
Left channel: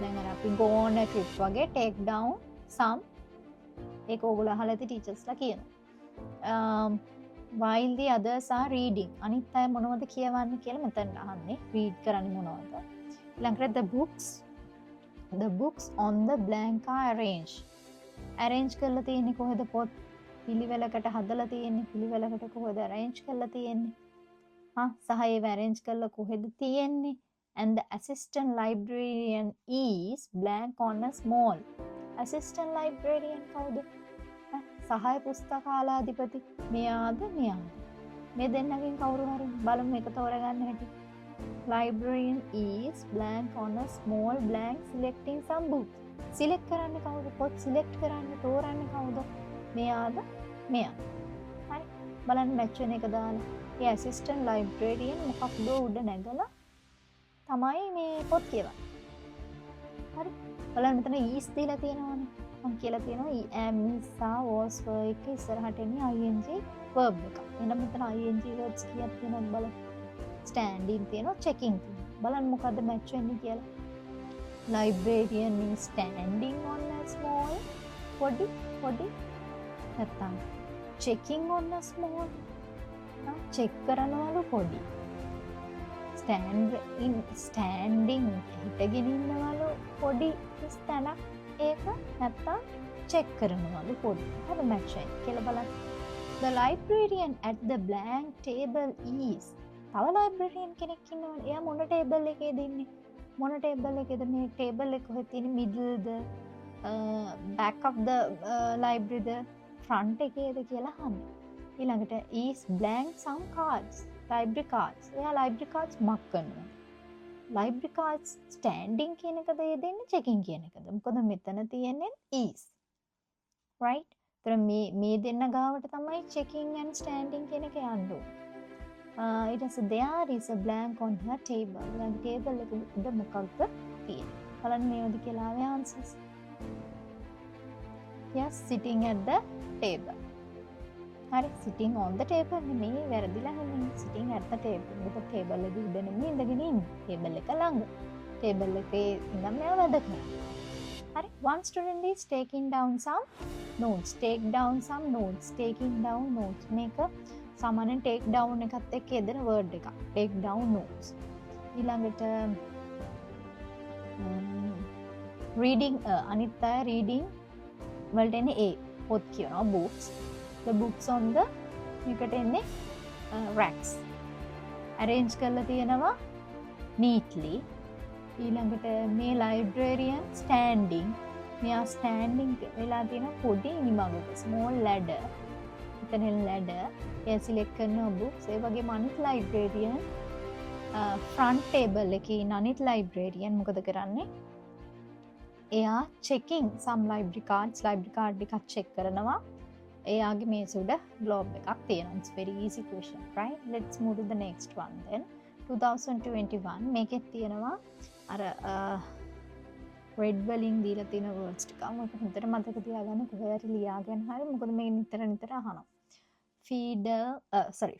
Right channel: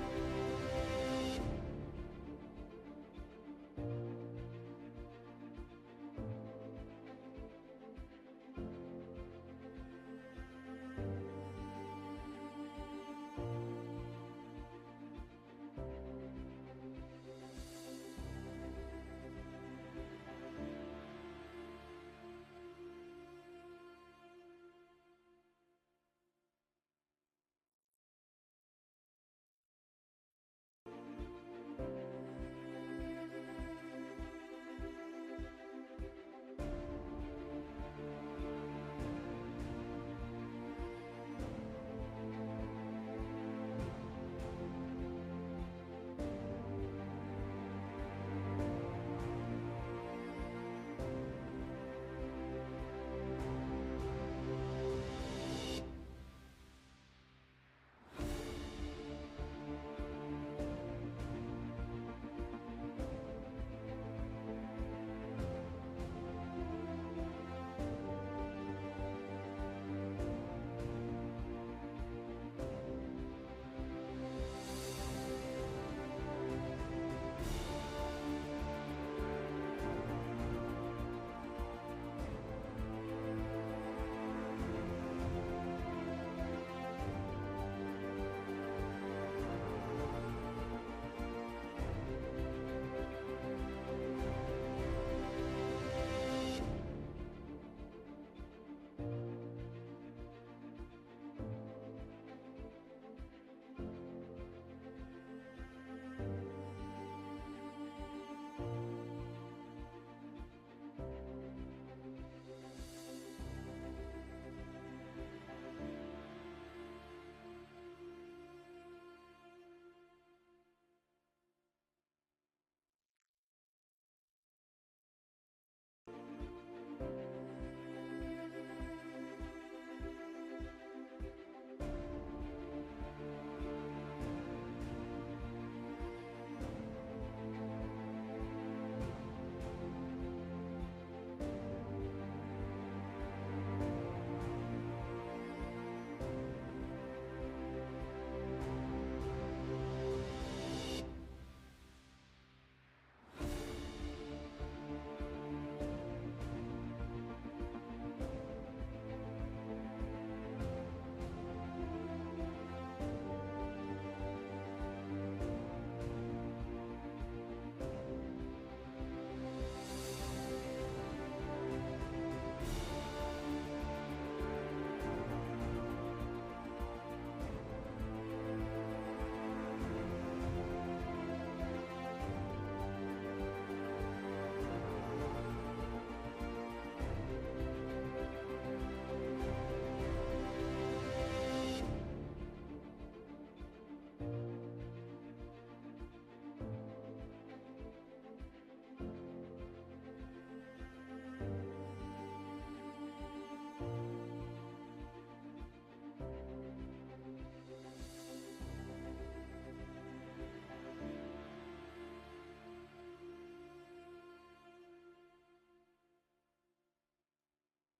දැන් අපි go on a trip වගේ take down some ඒක ඕගොල්ලෝ අහලා ඇති ටීචර්ස්ලා කියනවා. While the others are reading අනිත් අය මොනවද කියවන්නේ කියලා මෙතන අහන්නේ. read කරන්නේ මොනවද? ඊළඟට the books on the blank are arranged. arrange කරලා තියෙන්නේ කොහෙද පොත්? පිළිවෙලකට හදලා තියෙන්නේ. පිළිවෙලකට කොහෙද arrange කරලා තියෙන්නේ? සහ ඒව arrange කරලා කොහෙද තියෙන්නේ? And the assistant librarian is blank on a small. assistant librarian කවුද? සහාය පුස්තකාලාධිපති. මෙයාද? මේ දෙන්නගෙන් කවුරු හරි බලමු එක තෝරගන්න හැටි. Librarian is blank on a small blank selecting some books. select කරන්නේ කවුද? පොත් select කරන්නේ තෝරන්නේ කවුද? මෙයාද? මෙයා. හරි. බලන්න මැච් වෙන එක දාලා. ඒ assistant librarian මොකක්ද උඩ නැගලා තමයි මේ පොත් කියවන්නේ. හරි. බලන්න මෙතන is දීලා තියෙනවානේ. මම කියලා තියෙනවා am is was were එක ඉස්සරහට එන්නේ ing verb එක. එහෙනම් මෙතන ing verbs කීයක් තියෙනවද බලන්න. standing තියෙනවා checking තියෙනවා. බලන්න මොකද්ද මැච් වෙන්නේ කියලා. Librarian is standing on a small body නැත්තම් checking on a small check කරනවලු පොඩි standing හිටගෙන ඉන්නවලු පොඩි ස්තනක් ඒක නැත්තම් check කරනවලු පොඩි හරි මැච් වෙන්නේ කියලා බලන්න. The librarian at the blank table is තව librarian කෙනෙක් ඉන්නවා. එයා මොන table එකේද ඉන්නේ? මොන table එකේද? මේ table එක කොහෙද තියෙන්නේ? middle the back of the library the front එකේද කියලා අහන්නේ. ඊළඟට is blank some cards. library cards. එයා library cards mark කරනවා. library cards standing කියන එකද දෙන්නේ checking කියන එකද? මොකද මෙතන තියෙන්නේ is. right? ඒතර මේ දෙන්න ගාවට තමයි checking and standing කියන එක යන්නේ. ඊට පස්සේ there is a blank on her table. දැන් table එක උඩ මොකක්ද තියෙන්නේ? බලන්න මේවද කියලා ආවේ answers. yes, sitting at the table. හරි sitting on the table නෙමෙයි වැරදිලා නෙමෙයි sitting at the table. මේක table එකේ උඩ නෙමෙයි ඉඳගෙන ඉන්නේ. table එක ළඟ. table එකේ ඉඳන් මෙයා වැඩ කරනවා. හරි one student is taking down some notes. take down some notes. taking down notes. මේක සාමාන්‍යයෙන් take down එකත් එක්ක යෙදෙන word එකක්. take down notes. ඊළඟට reading අනිත් අය reading වලට එන්නේ A. පොත් කියනවා books. the books on the එකට එන්නේ racks. arrange කරලා තියෙනවා neatly. ඊළඟට මේ librarian standing මෙයා ස්ටෑන්ඩින් වෙලා තියෙන පොඩි ඉනිමගක ස්මෝල් ලැඩර්. එතන ලැඩර් එයා සිලෙක්ට් කරනවා බුක්ස්. ඒ වගේම අනිත් ලයිබ්‍රේරියන් ෆ්‍රන්ට් ටේබල් එකේ ඉන්න අනිත් ලයිබ්‍රේරියන් මොකද කරන්නේ? එයා checking some library cards එකක් check කරනවා. එයාගේ මේ සුඩ globe එකක් තියෙනවා. It's very easy question, right? Let's move to the next one then. 2021 මේකෙත් තියෙනවා අර red වලින් දීලා තියෙන words ටික. මොකද හොඳට මතක තියාගන්න කොහේ හරි ලියාගෙන හරි. මොකද මේ නිතර අහනවා.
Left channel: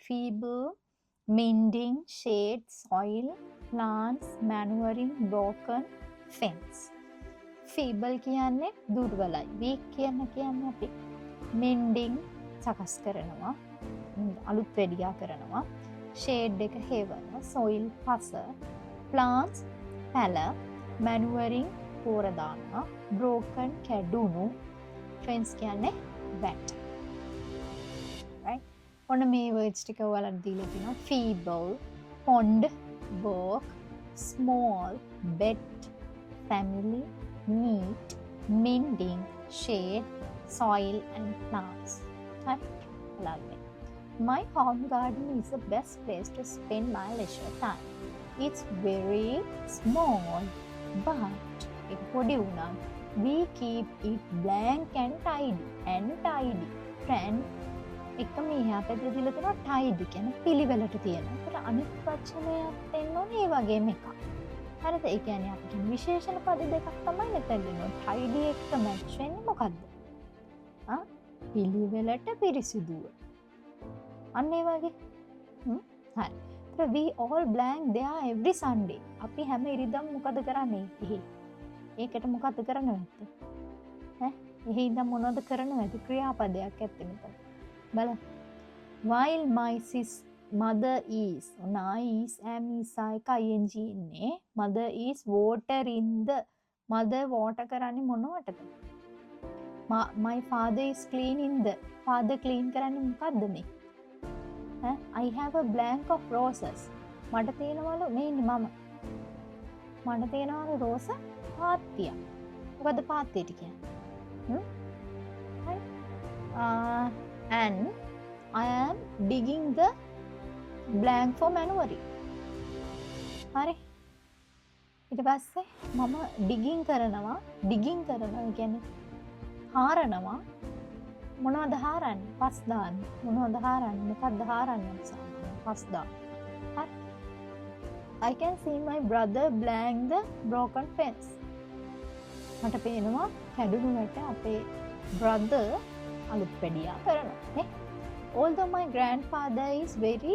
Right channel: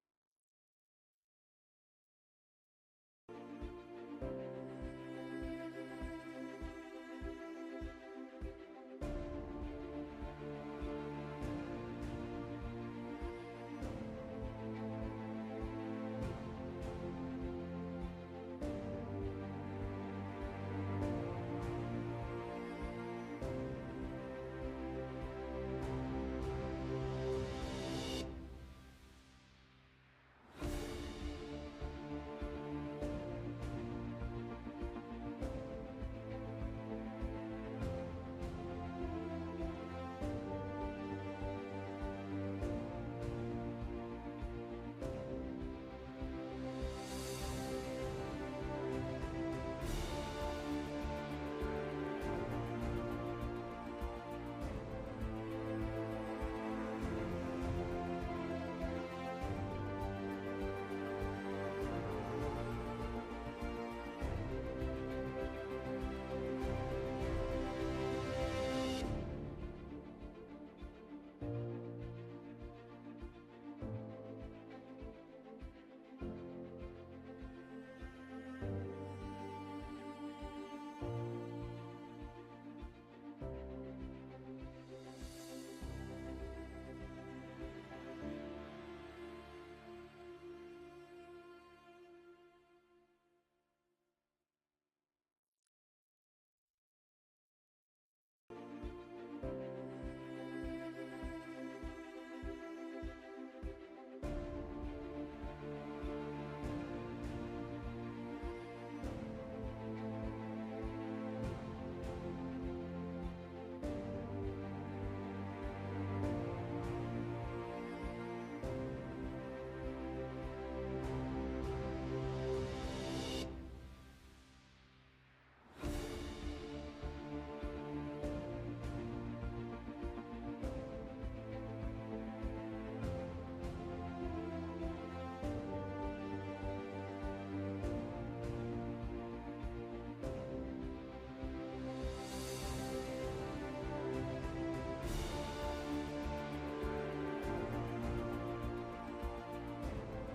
feeble, mending, shade, soil, plants, manuring, broken, fence. feeble කියන්නේ දුර්වලයි. weak කියන්නේ අපි mending සකස් කරනවා. අලුත් වැඩියා කරනවා. shade එක හේවනවා. soil පස. plants පැල. manuring පෝර දානවා. broken කැඩුණු. fence කියන්නේ wet. right? ඔන්න මේ words ටික ඔයාලට දීලා තියෙනවා. feeble, pond, work, small, bed, family, neat, mending, shade, soil and plants. Lovely. My home garden is the best place to spend my leisure time. It's very small, but it podi unam. We keep it blank and tidy. Friend, එක මෙහා පැත්තේ දීලා තියෙනවා tidy කියන පිළිවෙලට තියෙනවා. ඒකට අනිත් වචනයක් දෙන්න ඕනේ ඒ වගේම එකක්. හරිද? ඒ කියන්නේ අපිට විශේෂණ පද දෙකක් තමයි මෙතන දෙනවා. tidy එක මැච් වෙන්නේ මොකද්ද? පිළිවෙලට පිරිසිදුව. අන්න ඒ වගේ. හරි. we all blank there every Sunday. අපි හැම ඉරිදම් මොකද කරන්නේ? ඒකට මොකද කරන්නේ? එහේ ඉඳන් මොනවද කරන්නේ? ක්‍රියාපදයක් ඇත්තේ මෙතන. බලන්න. while my mother is am is ing ඉන්නේ. mother is watering the mother water කරන්නේ මොනවටද? my father is cleaning the father clean කරන්නේ මොකද්ද මේ? I have a blank of roses. මට තියෙනවලු මේ මම. මට තියෙනවලු රෝස පාත්තිය. මොකද පාත්තියට කියන්නේ? and I am digging the blank for manuring. හරි. ඊට පස්සේ මම digging කරනවා කියන්නේ හාරනවා. මොනවද හාරන්නේ? පස් දාන්න. මොනවද හාරන්නේ? මොකක්ද හාරන්නේ? පස් දාන්න. හරි. I can see my brother blank the broken fence. මට පේනවා කැඩුනට අපේ brother අලුත් පැඩියා කරනවා. Although my grandfather is very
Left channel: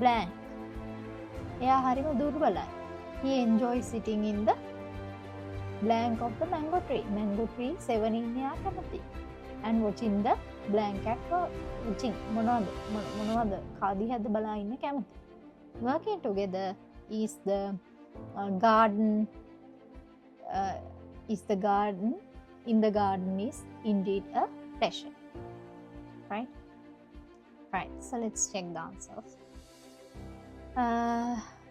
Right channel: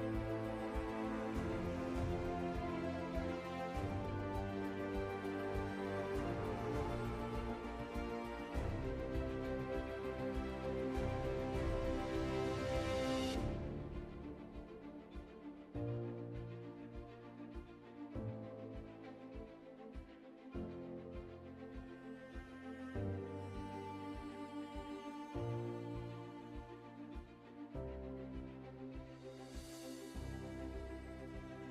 blank. එයා හරිම දුර්වලයි. He enjoys sitting in the blank of the mango tree. Mango tree 7 in එයා කැමති. And watching the blank at watching. මොනවද කාදිහද බලා ඉන්න කැමති. Working together is the garden. In the garden is indeed a pleasure. Right? Right. So let's check the answers.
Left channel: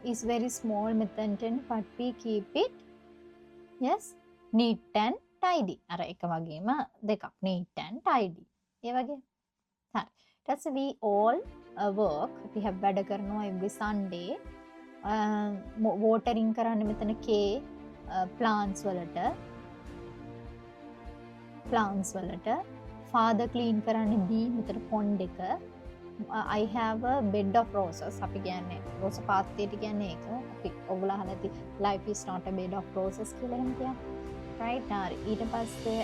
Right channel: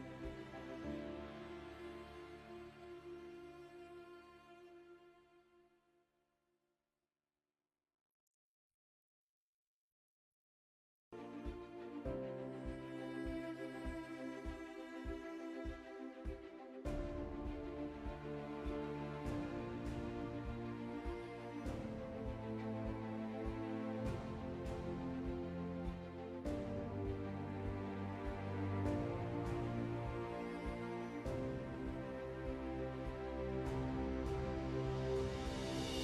Is very small method but we keep it. Yes. Neat and tidy. අර එක වගේම දෙකක්. Neat and tidy. ඒ වගේ. හරි. ඊට we all work. අපි වැඩ කරනවා every Sunday. watering කරන්නේ මෙතන K plants වලට. father clean කරන්නේ B මෙතන pond එක. I have a bed of roses. අපි කියන්නේ රෝස පාත්තියට කියන්නේ ඒක. අපි ඔයගොල්ලෝ අහලා ඇති life is not a bed of roses කියලා එහෙම කියන්නේ. right? ඊට පස්සේ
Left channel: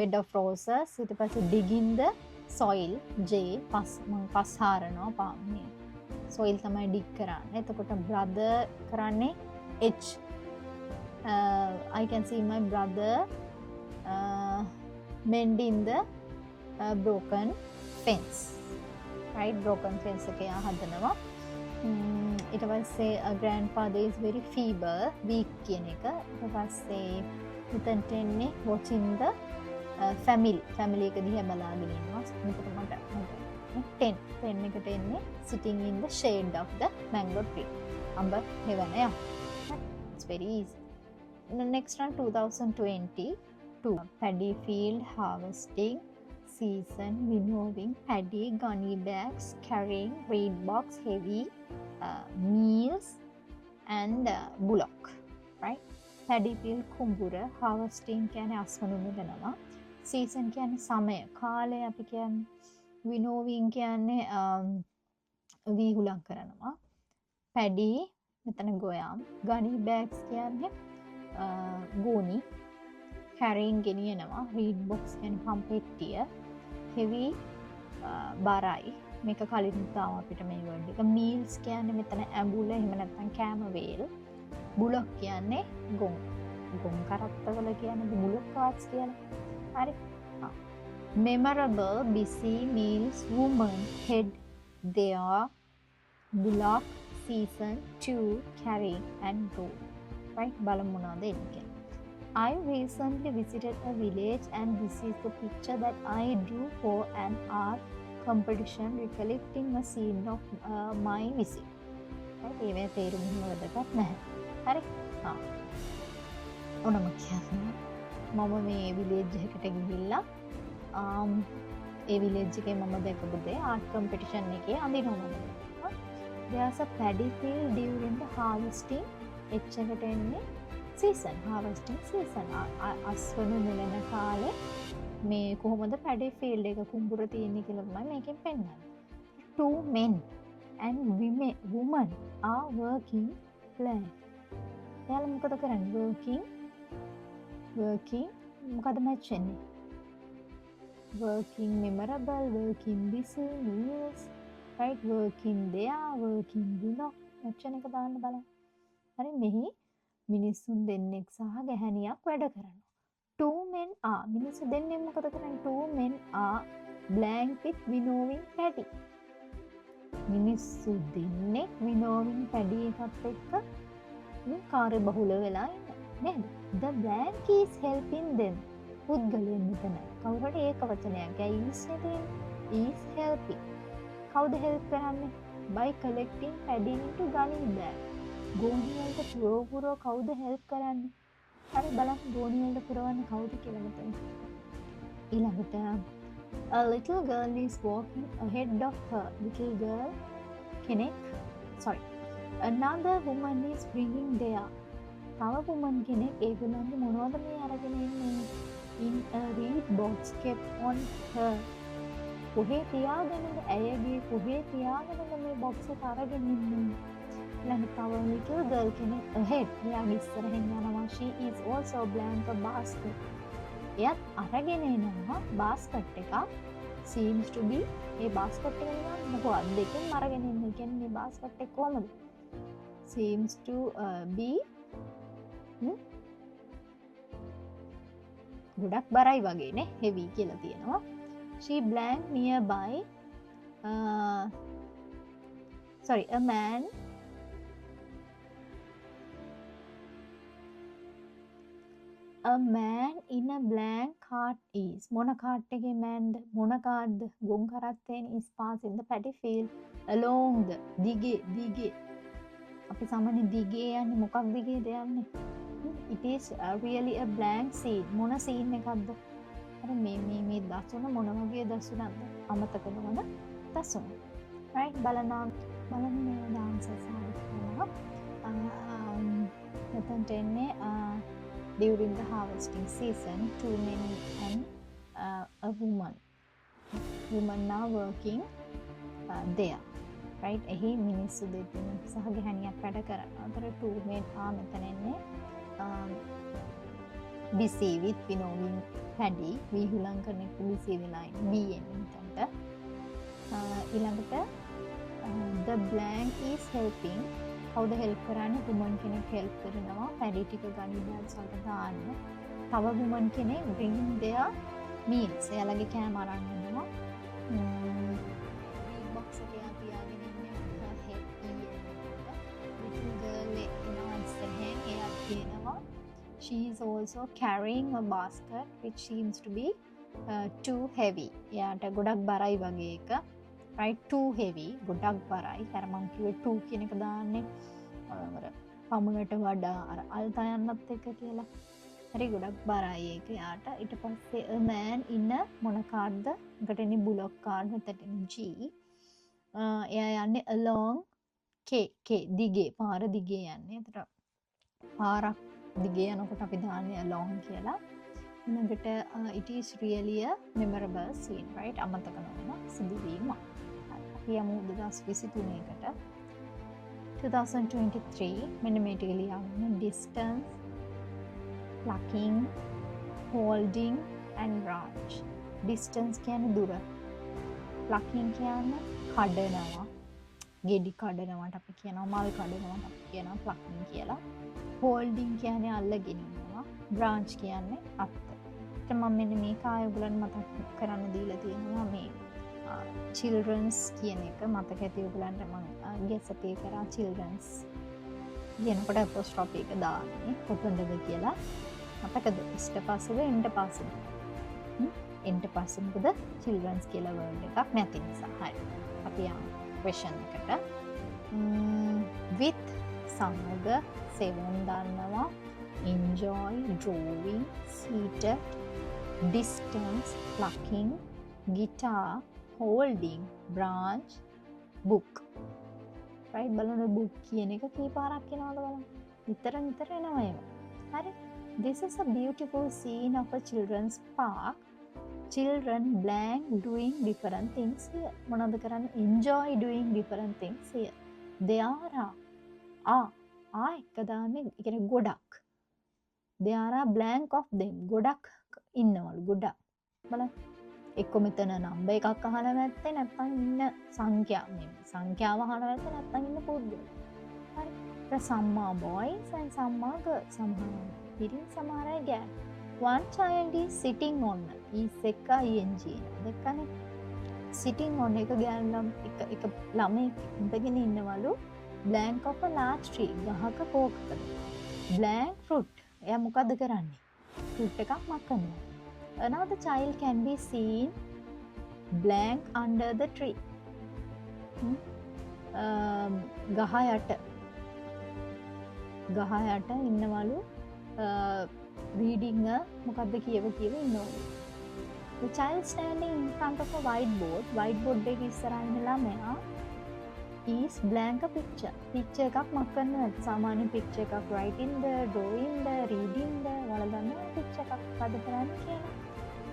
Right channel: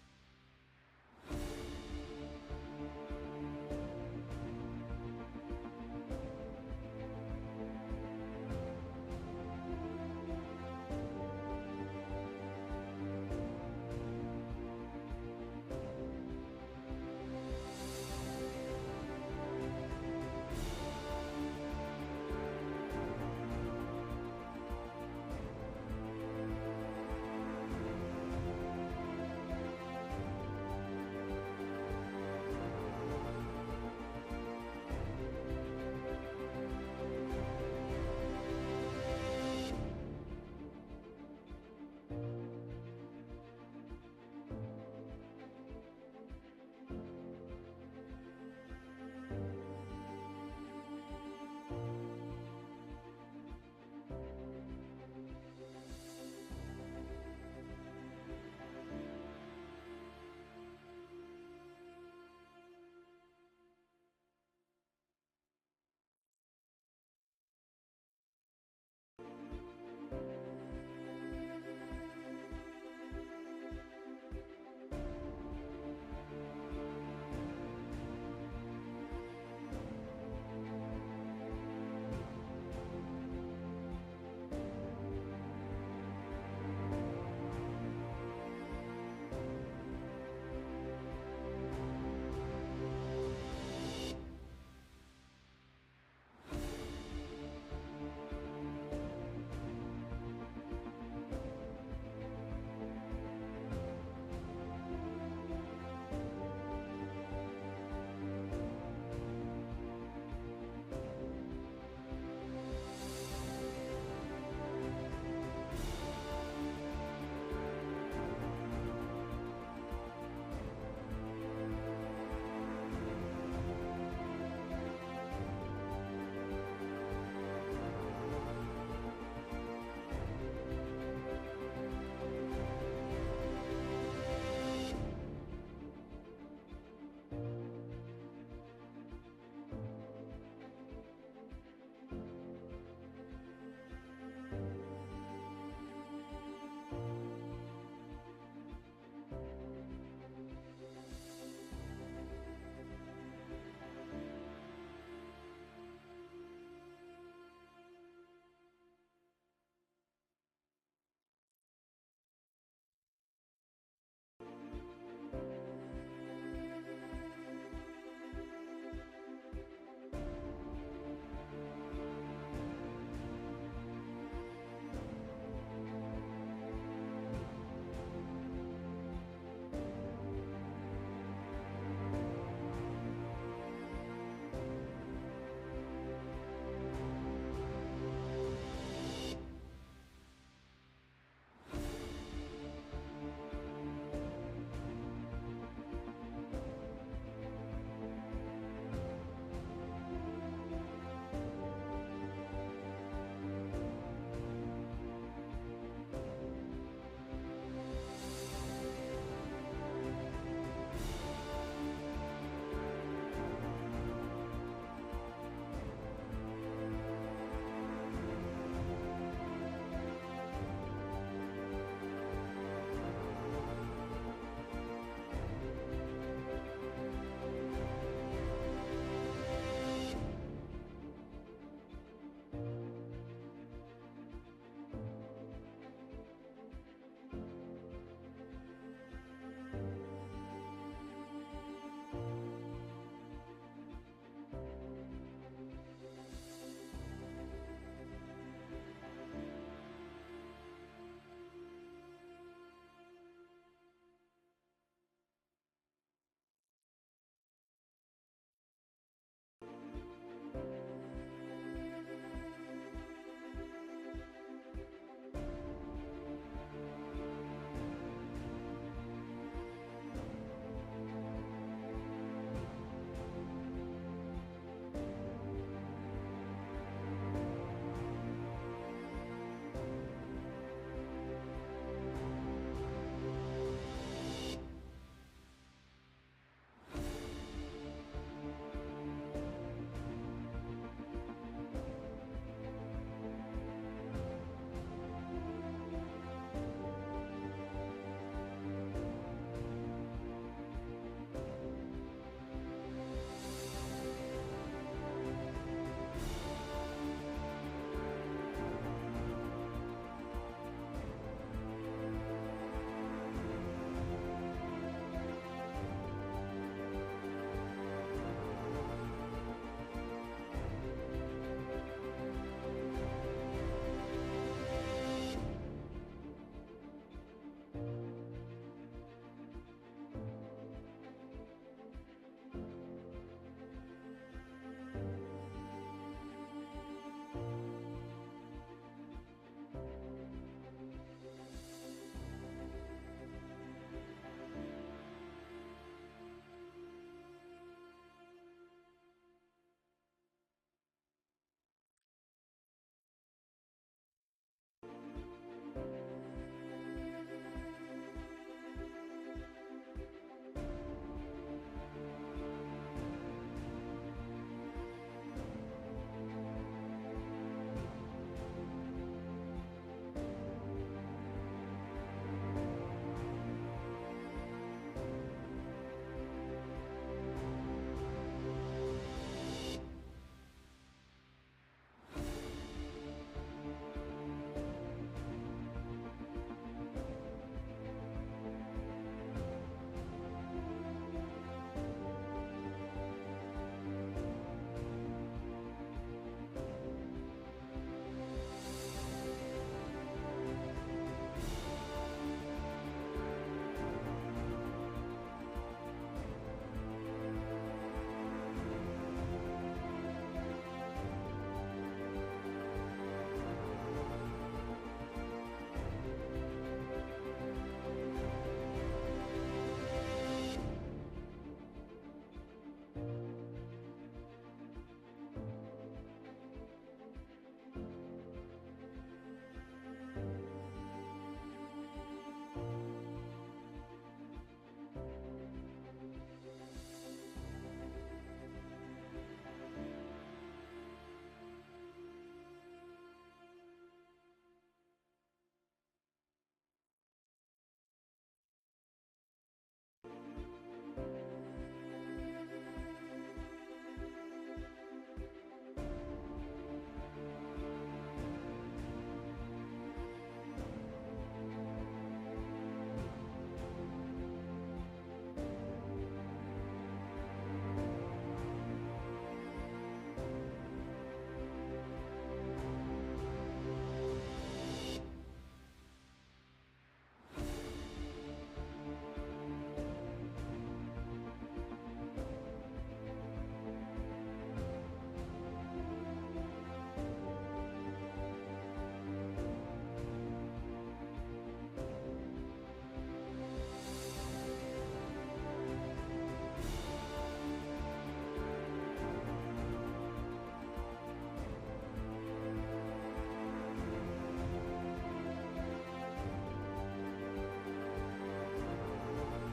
bed of roses. ඊට පස්සේ digging the soil J පස් හාරනවා මේ soil තමයි dig කරන්නේ. එතකොට brother කරන්නේ H. I can see my brother mending the broken fence. right? broken fence එක යා හදනවා. ඊට පස්සේ grandfather is very feeble, weak කියන එක. ඊට පස්සේ උතන්ට එන්නේ watching the family එක දිහා බලාගෙන ඉන්නවා. 10 එකට එන්නේ sitting in the shade of the mango tree. අඹ හෙවන යා. It's very easy. The next one 2020. 2. Paddy field harvesting season, winnowing paddy, gunny bags, carrying reed box, heavy meals, and bullock. Right? Paddy field කුඹුර, harvesting කියන්නේ අස්වනු වෙනවා. season කියන්නේ සමය, කාලය අපි කියන්නේ. winnowing කියන්නේ වීහුලම් කරනවා. paddy මෙතන ගොයම්. gunny bags කියන්නේ ගෝනි. carrying ගෙනියනවා. reed box කියන්නේ පම්පෙට්ටිය. heavy බරයි. මේක කලින් තාම අපිට මේ වර්ඩ් එක. meals කියන්නේ මෙතන ඇඹුල එහෙම නැත්නම් කෑම වේල්. bullock කියන්නේ ගොන්. ගොන් කරත්තවල කියන්නේ bullock carts කියලා. හරි. memorable busy meals women head their bullock season to carry and go. Right? බලමු මොනවද එන්නේ. I recently visited a village and this is the picture that I drew for an art competition recollecting a scene of my visit. ඒවේ තේරුම් ගන්නවත් නැහැ. හරි? ඔනම කියන්නේ මම මේ විලේජ් එකකට ගිහිල්ලා ඒ විලේජ් එකේ මම දැකපු දේ ආර්ට් කම්පිටිෂන් එකේ අඳිනවා. there's a paddy field during the harvesting එච්චරට එන්නේ season, harvesting season. අස්වනු වෙන කාලේ මේ කොහොමද paddy field එක කුඹුර තියෙන්නේ කියලා තමයි මේකෙන් පෙන්නන්නේ. 2 men and women are working land. එයාලා මොකද කරන්නේ? working මොකද match වෙන්නේ? working memorable, working busy, meals, right? working there, working below. match එක දාන්න බලන්න. හරි මෙහි මිනිස්සුන් දෙන්නෙක් සහ ගැහැණියක් වැඩ කරනවා. 2 men are මිනිස්සු දෙන්නෙක් මොකද කරන්නේ? 2 men are blank with winnowing paddy. මිනිස්සු දෙන්නෙක් winnowing paddy එකත් එක්ක මේ කාර්ය බහුල වෙලා නේද? The blank is helping them. පුද්ගලයන් මෙතන කවුරු හරි ඒක වචනයක්. is is helping. Howද help කරන්නේ? By collecting paddy into gunny bag. ගෝණියකට පුරව කවුද help කරන්නේ? හරි බලන්න ගෝණියකට පුරවන්නේ කවුද කියලා මෙතන. ඊළඟට a little girl is walking ahead of her. little girl කෙනෙක් another woman is bringing there. තව woman කෙනෙක් ඒගොල්ලන්ගේ මොනවද මේ අරගෙන ඉන්නේ? in a reed box kept on her. කොහේ තියාගෙනද? ඇයගේ කොහේ තියාගෙනද මේ box එක අරගෙන ඉන්නේ? ළඟ little girl කෙනෙක් ahead. එයාගේ ඉස්සරහින් යනවා. she is also blank a basket. එයත් අරගෙන එනවා basket එකක්. seems to be මේ basket එක මොකක්ද දෙකෙන් අරගෙන ඉන්නේ. කියන්නේ මේ basket එක කොහමද? seems to be ගොඩක් බරයි වගේ නේ. heavy කියලා තියෙනවා. she blank nearby. a man in a blank cart is. මොන කාට් එකේ මෑන්ද? මොන කාර්ද? ගොන් කරත්තෙන් is passing the paddy field along the දිගේ අපි සාමාන්‍ය දිගේ යන්නේ මොකක් දිගේද යන්නේ? it is really a blank scene. මොන scene එකක්ද? අර මේ දසුන මොන වගේ දසුනක්ද? අමතක කරන දසුන. right? බලන්න මේ dances එක. මෙතනට එන්නේ during the harvesting season 2 men and a woman are working there. right? එහි මිනිස්සු දෙදෙනෙක් සහ ගැහැණියක් වැඩ කරනවා. අතර 2 men are මෙතන එන්නේ busy with winnowing paddy. වීහුලම් කරන busy වෙලා ඉන්නේ. ඊළඟට the blank is helping. කවුද help කරන්නේ? woman කෙනෙක් help කරනවා paddy ටික ගන්න සල්ට දාන්න. තව woman කෙනෙක් bring their meals. එයාලගේ කෑම අරන් එනවා. she is also carrying a basket which seems to be too heavy. එයාට ගොඩක් බරයි වගේ එක. right? too heavy. ගොඩක් බරයි. අර මං කිව්වේ 2 කියන එක දාන්නේ අර පමුණට වඩා අර අල්තා යන්නත් එක්ක කියලා. හරි ගොඩක් බරයි ඒක යාට. ඊට පස්සේ a man in a මොන කාර්ඩ්ද? එකට එන්නේ බුලොක් කාර්ඩ් මෙතට G. එයා යන්නේ along දිගේ පාර දිගේ යන්නේ. එතකොට පාරක් දිගේ යනකොට අපි දාන්නේ along කියලා. ඊළඟට it is really a memorable scene, right? අමතක නොවන සිදුවීමක්. අපි යමු 2023 කට. 2023 මෙන්න මේ ටික ලියන්න. distance, plucking, holding and branch. distance කියන්නේ දුර. plucking කියන්නේ කඩනවා. ගෙඩි කඩනවට අපි කියනවා මල් කඩනවට අපි කියනවා plucking කියලා. holding කියන්නේ අල්ලගෙන ඉන්නවා. branch කියන්නේ අත්. මම මෙන්න මේක ආයුලන් මතක් කරන්න දීලා තියෙනවා මේ children's කියන එක මතක ඇති ඔයගලන්ට මම guess අපේ කරා children's කියනකොට apostrophe එක දාන්නේ කොතනද කියලා මතකද ඉස්ට පස්සේද එන්ට පස්සේද එන්ට පස්සේ මොකද children's කියලා word එකක් නැති නිසා හරි අපි යමු question එකට with සමග සෙවන් දන්නවා enjoy drawing seated distance plucking guitar holding branch book right බලන්න book කියන එක කී පාරක් එනවද බලන්න විතර එනවා ඒක හරි this is a beautiful scene of a children's park children blank doing different things here මොනවද කරන්නේ enjoy doing different things here there are එක දාන්නේ ඒ කියන්නේ ගොඩක් there are blank of them ගොඩක් ඉන්නවලු ගොඩක් බලන්න එක්ක මෙතන නම්බර් එකක් අහලා නැත්නම් නැත්නම් ඉන්න සංඛ්‍යාව අහලා නැත්නම් නැත්නම් ඉන්න පුද්ගලයා. හරි. some are boys and some are girls. some are women, some are girls. one child is sitting on is එක ing දෙකනේ sitting on එක ගෑනම් එක ළමයි ඉඳගෙන ඉන්නවලු blank of a large tree ගහක කෝකක blank fruit එයා මොකද කරන්නේ fruit එකක් මකනවා another child can be seen blank under the tree ගහ යට ඉන්නවලු reading මොකද්ද කියව ඉන්නවා the child standing in front of a whiteboard එකේ ඉස්සරහින් ළමයා is blank a picture එකක් මකනවා සාමාන්‍ය picture එකක් writing the drawing the reading the වලදන්න picture එකක් මොකද කරන්නේ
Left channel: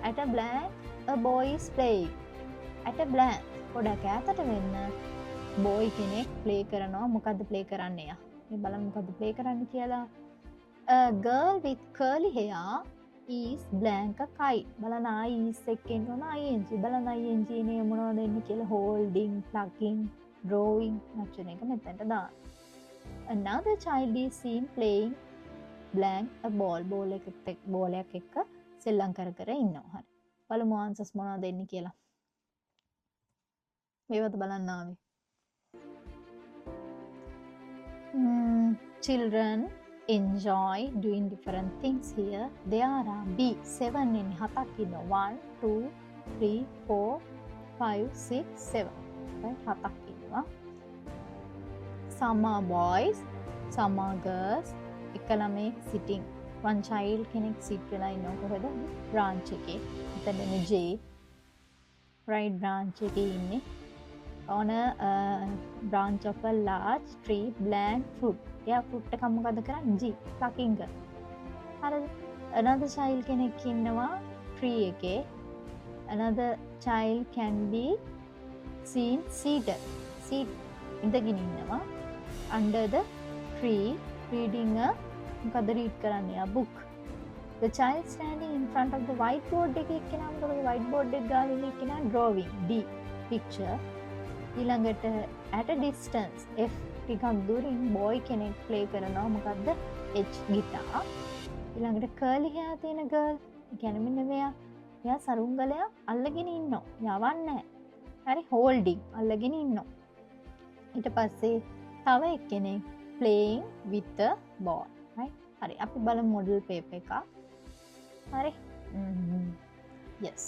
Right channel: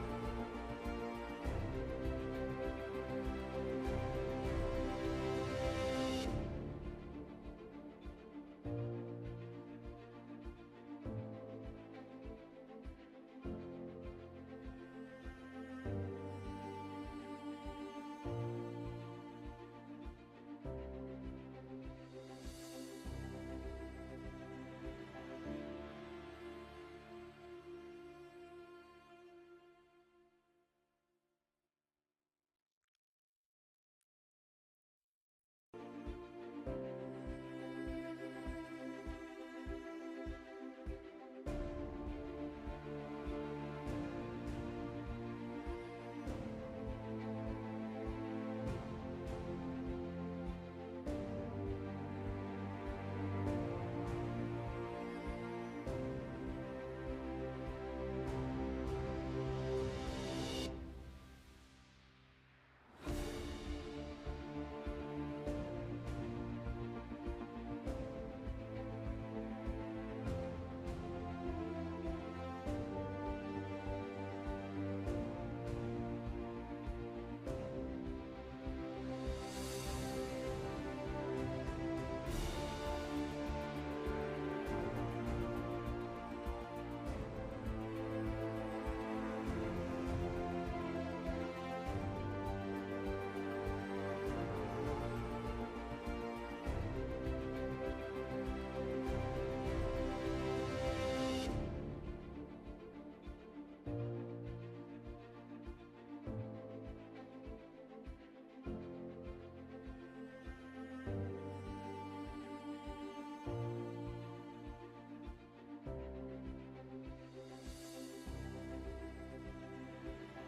at a blank a boy is playing at a blank පොඩක් ඈතට වෙන්න boy කෙනෙක් play කරනවා මොකද්ද play කරන්නේ යා මේ බලන්න මොකද්ද play කරන්නේ කියලා a girl with curly hair is blank a kite බලන්න is එකෙන් උන ing බලන්න ing නේ මොනවද එන්නේ කියලා holding plucking drawing වචන එක මෙතනට දාන්න another child is seen playing blank a ball එකක් එක්ක සෙල්ලම් කර ඉන්නවා හරි බලමු answers මොනවද එන්නේ කියලා මේවත් බලන්න ආවේ children enjoy doing different things here there are B 7 in හතක් ඉන්නවා 1 2 3 4 5 6 7 හතක් ඉන්නවා some are boys some are girls එක ළමෙක් sitting one child කෙනෙක් sit වෙලා ඉන්නවා කොහෙද branch එකේ එතන J right branch එකේ ඉන්නේ on a branch of a large tree blank fruit එයා fruit එක මොකද කරන්නේ G plucking කරනවා හරිද another child කෙනෙක් ඉන්නවා tree එකේ another child can be seen seated ඉඳගෙන ඉන්නවා under the tree reading a මොකද read කරන්නේ a book the child standing in front of the whiteboard එකේ කියනවා මොකද whiteboard එක ගාලා ඉන්නේ කියනවා drawing D picture ඊළඟට at a distance F ටිකක් දුරින් boy කෙනෙක් play කරනවා මොකද්ද H guitar ඊළඟට curly hair තියෙන girl කියන්නේ මෙන්න මෙයා සරුංගලයා අල්ලගෙන ඉන්නවා යවන්නේ හරි holding අල්ලගෙන ඉන්නවා ඊට පස්සේ තව එක්කෙනෙක් playing with the ball right හරි අපි බලමු model paper එක හරි yes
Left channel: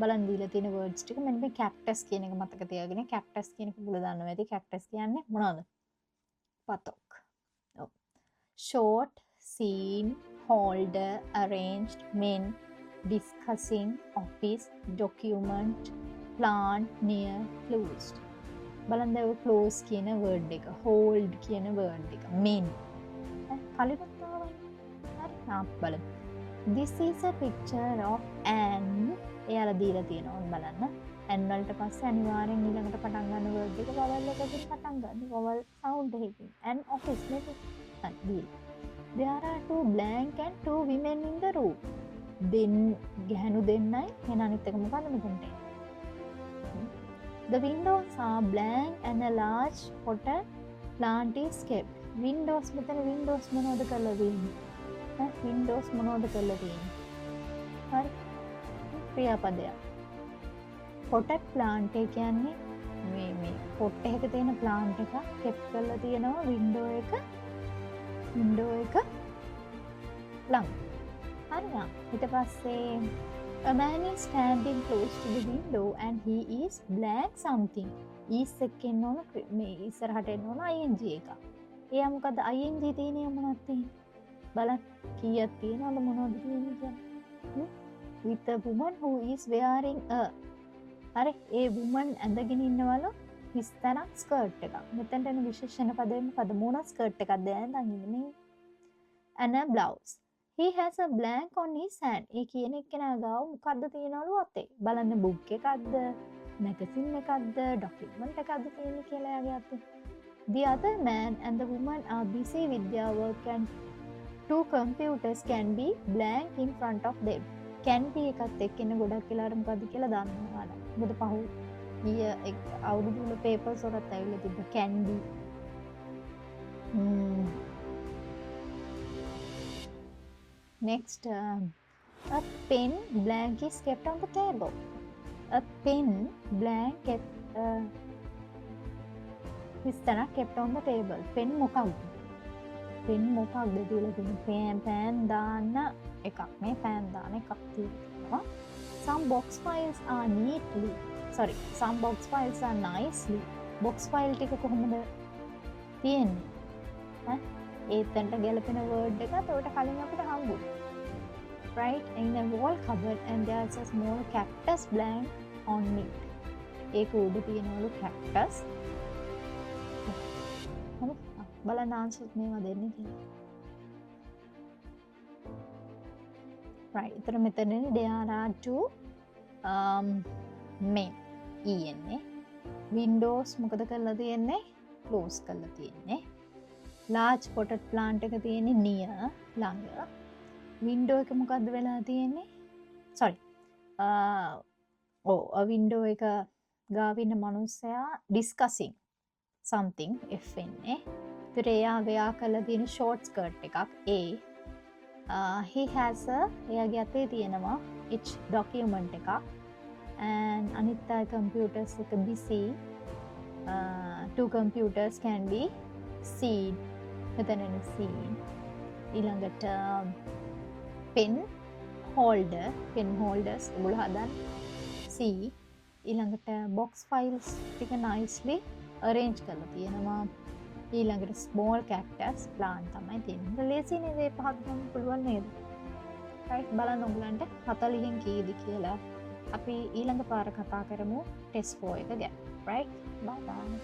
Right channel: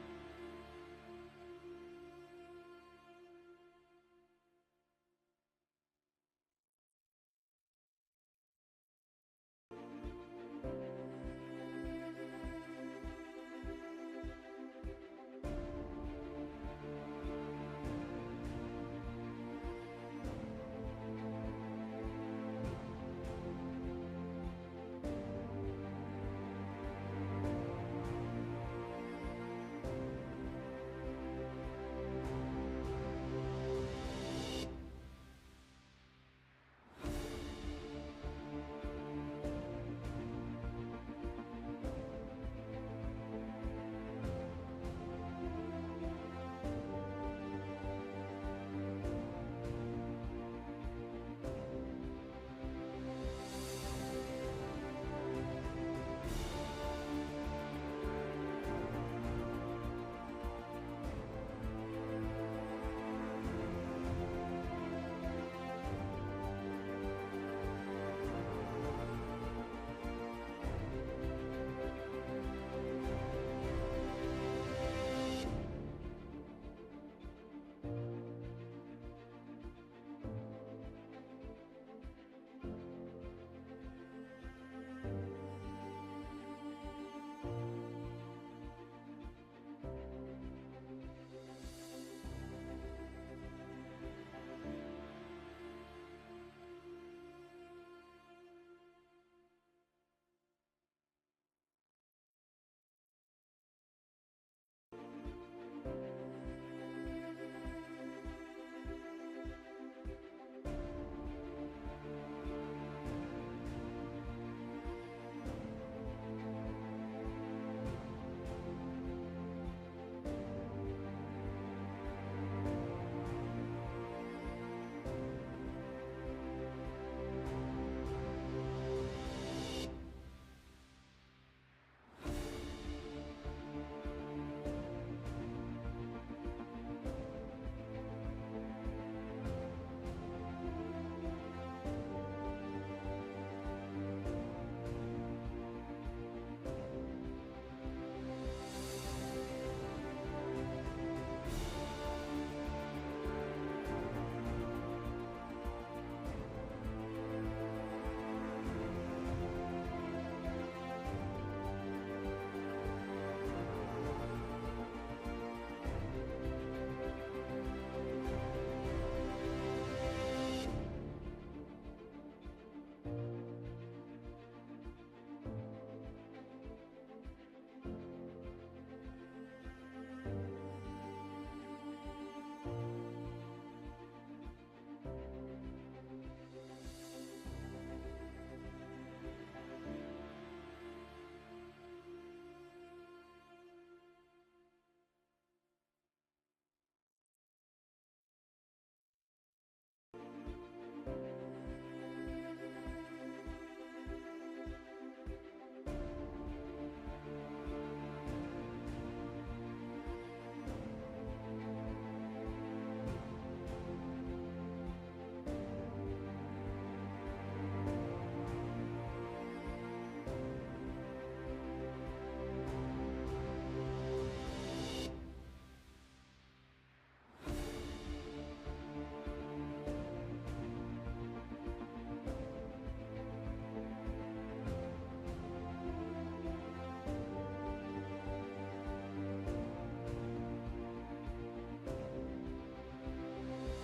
බලන් දීලා තියෙන words ටික මෙන්න මේ cactus කියන එක මතක තියාගෙන cactus කියන එක බුල දන්නවා ඇති cactus කියන්නේ මොනවද පතක් ඔව් short seen holder, arranged, men, discussing, office, document, plant, near, closed. බලන්න ඔය close කියන word එක, hold කියන word එක, men. කලින් බලමු. This is a picture of an. එයාලා දීලා තියෙනවා බලන්න. an වලට පස්සේ අනිවාර්යෙන් ඊළඟට පටන් ගන්න word එක vowel එකකින් පටන් ගන්න. vowel sound එකකින්. an office නේද? There are two blank and two women in the room. ගැහණු දෙන්නයි මෙන්න අනිත් එක මොකක්ද මෙතනට එන්නේ. The windows are blank and a large potted plant is kept. Windows මෙතන windows මොනවද කරලා තියෙන්නේ? windows මොනවද කරලා තියෙන්නේ? හරි. ක්‍රියාපදයක්. potted plant එක කියන්නේ මේ pot එකක තියෙන plant එක kept කරලා තියෙනවා window එක ළඟ. හරිද? ඊට පස්සේ a man is standing close to the window and he is blank something. is එකෙන් ඕන මේ ඉස්සරහට එන්න ඕන ing එක. එයා මොකද ing තියෙන්නේ මොනවද තියෙන්නේ? බලන්න කීයක් තියෙනවද මොනවද තියෙන්නේ කියන්නේ? with a woman who is wearing a. හරි ඒ woman ඇඳගෙන ඉන්නවලු විස්තරක් ස්කර්ට් එකක්. මෙතනට එන විශේෂණ පදයෙන් පද මොන ස්කර්ට් එකක්ද දැන් ඉන්නේ? and a blouse. He has a blank on his hand. ඒ කියන එක්කෙනා ගාව මොකද්ද තියෙනවලු අතේ? බලන්න book එකක්ද, magazine එකක්ද, document එකක්ද තියෙන්නේ කියලා එයාගේ අතේ. The other man and the woman are busy with their work and two computers can be blank in front of them. Can be එකත් එක්කෙන ගොඩක් වෙලාවට මොකද්ද කියලා දන්නවා නේද? මොකද පහු අවුරුදු වල papers වලත් ඇවිල්ලා තිබ්බ can be. Next, a pen blank is kept on the table. A pen blank is kept on the table. Pen මොකක්ද? pen මොකක්ද කියලා කියන්නේ pan දාන්න එකක්. මේ pan දාන එකක් තියෙනවා. Some box files are nicely. box file ටික කොහොමද තියෙන්නේ? ඒතන්ට ගැලපෙන word එකත් උඩට කලින් අපිට හම්බුනේ. Right in the wall cupboard and there's a small cactus blank on it. ඒක උඩ තියෙනවලු cactus. බලන්න answers මේවා දෙන්නේ කියලා. Right. එතන මෙතනනේ there are two men ඉන්නේ. windows මොකද කරලා තියෙන්නේ? close කරලා තියෙන්නේ. large potted plant එක තියෙන්නේ near ළඟ. window එක මොකද්ද වෙලා තියෙන්නේ? sorry. a window එක ගාව ඉන්න මනුස්සයා discussing something F එන්නේ. ඒතර එයා wear කරලා තියෙන short skirt එකක් A. he has a එයාගේ අතේ තියෙනවා H document එකක් and අනිත් අය computers එක busy. two computers can be seen. මෙතන seen. ඊළඟට pen holders උගල හදන්න C. ඊළඟට box files ටික nicely arrange කරලා තියෙනවා. ඊළඟට small cactus plant තමයි තියෙන්නේ. ලේසි නේද මේ පහක් ගන්න පුළුවන් නේද? right බලන්න ඔයගලන්ට 40න් කීයද කියලා. අපි ඊළඟ පාර කතා කරමු test 4 එක ගැන. right bye bye.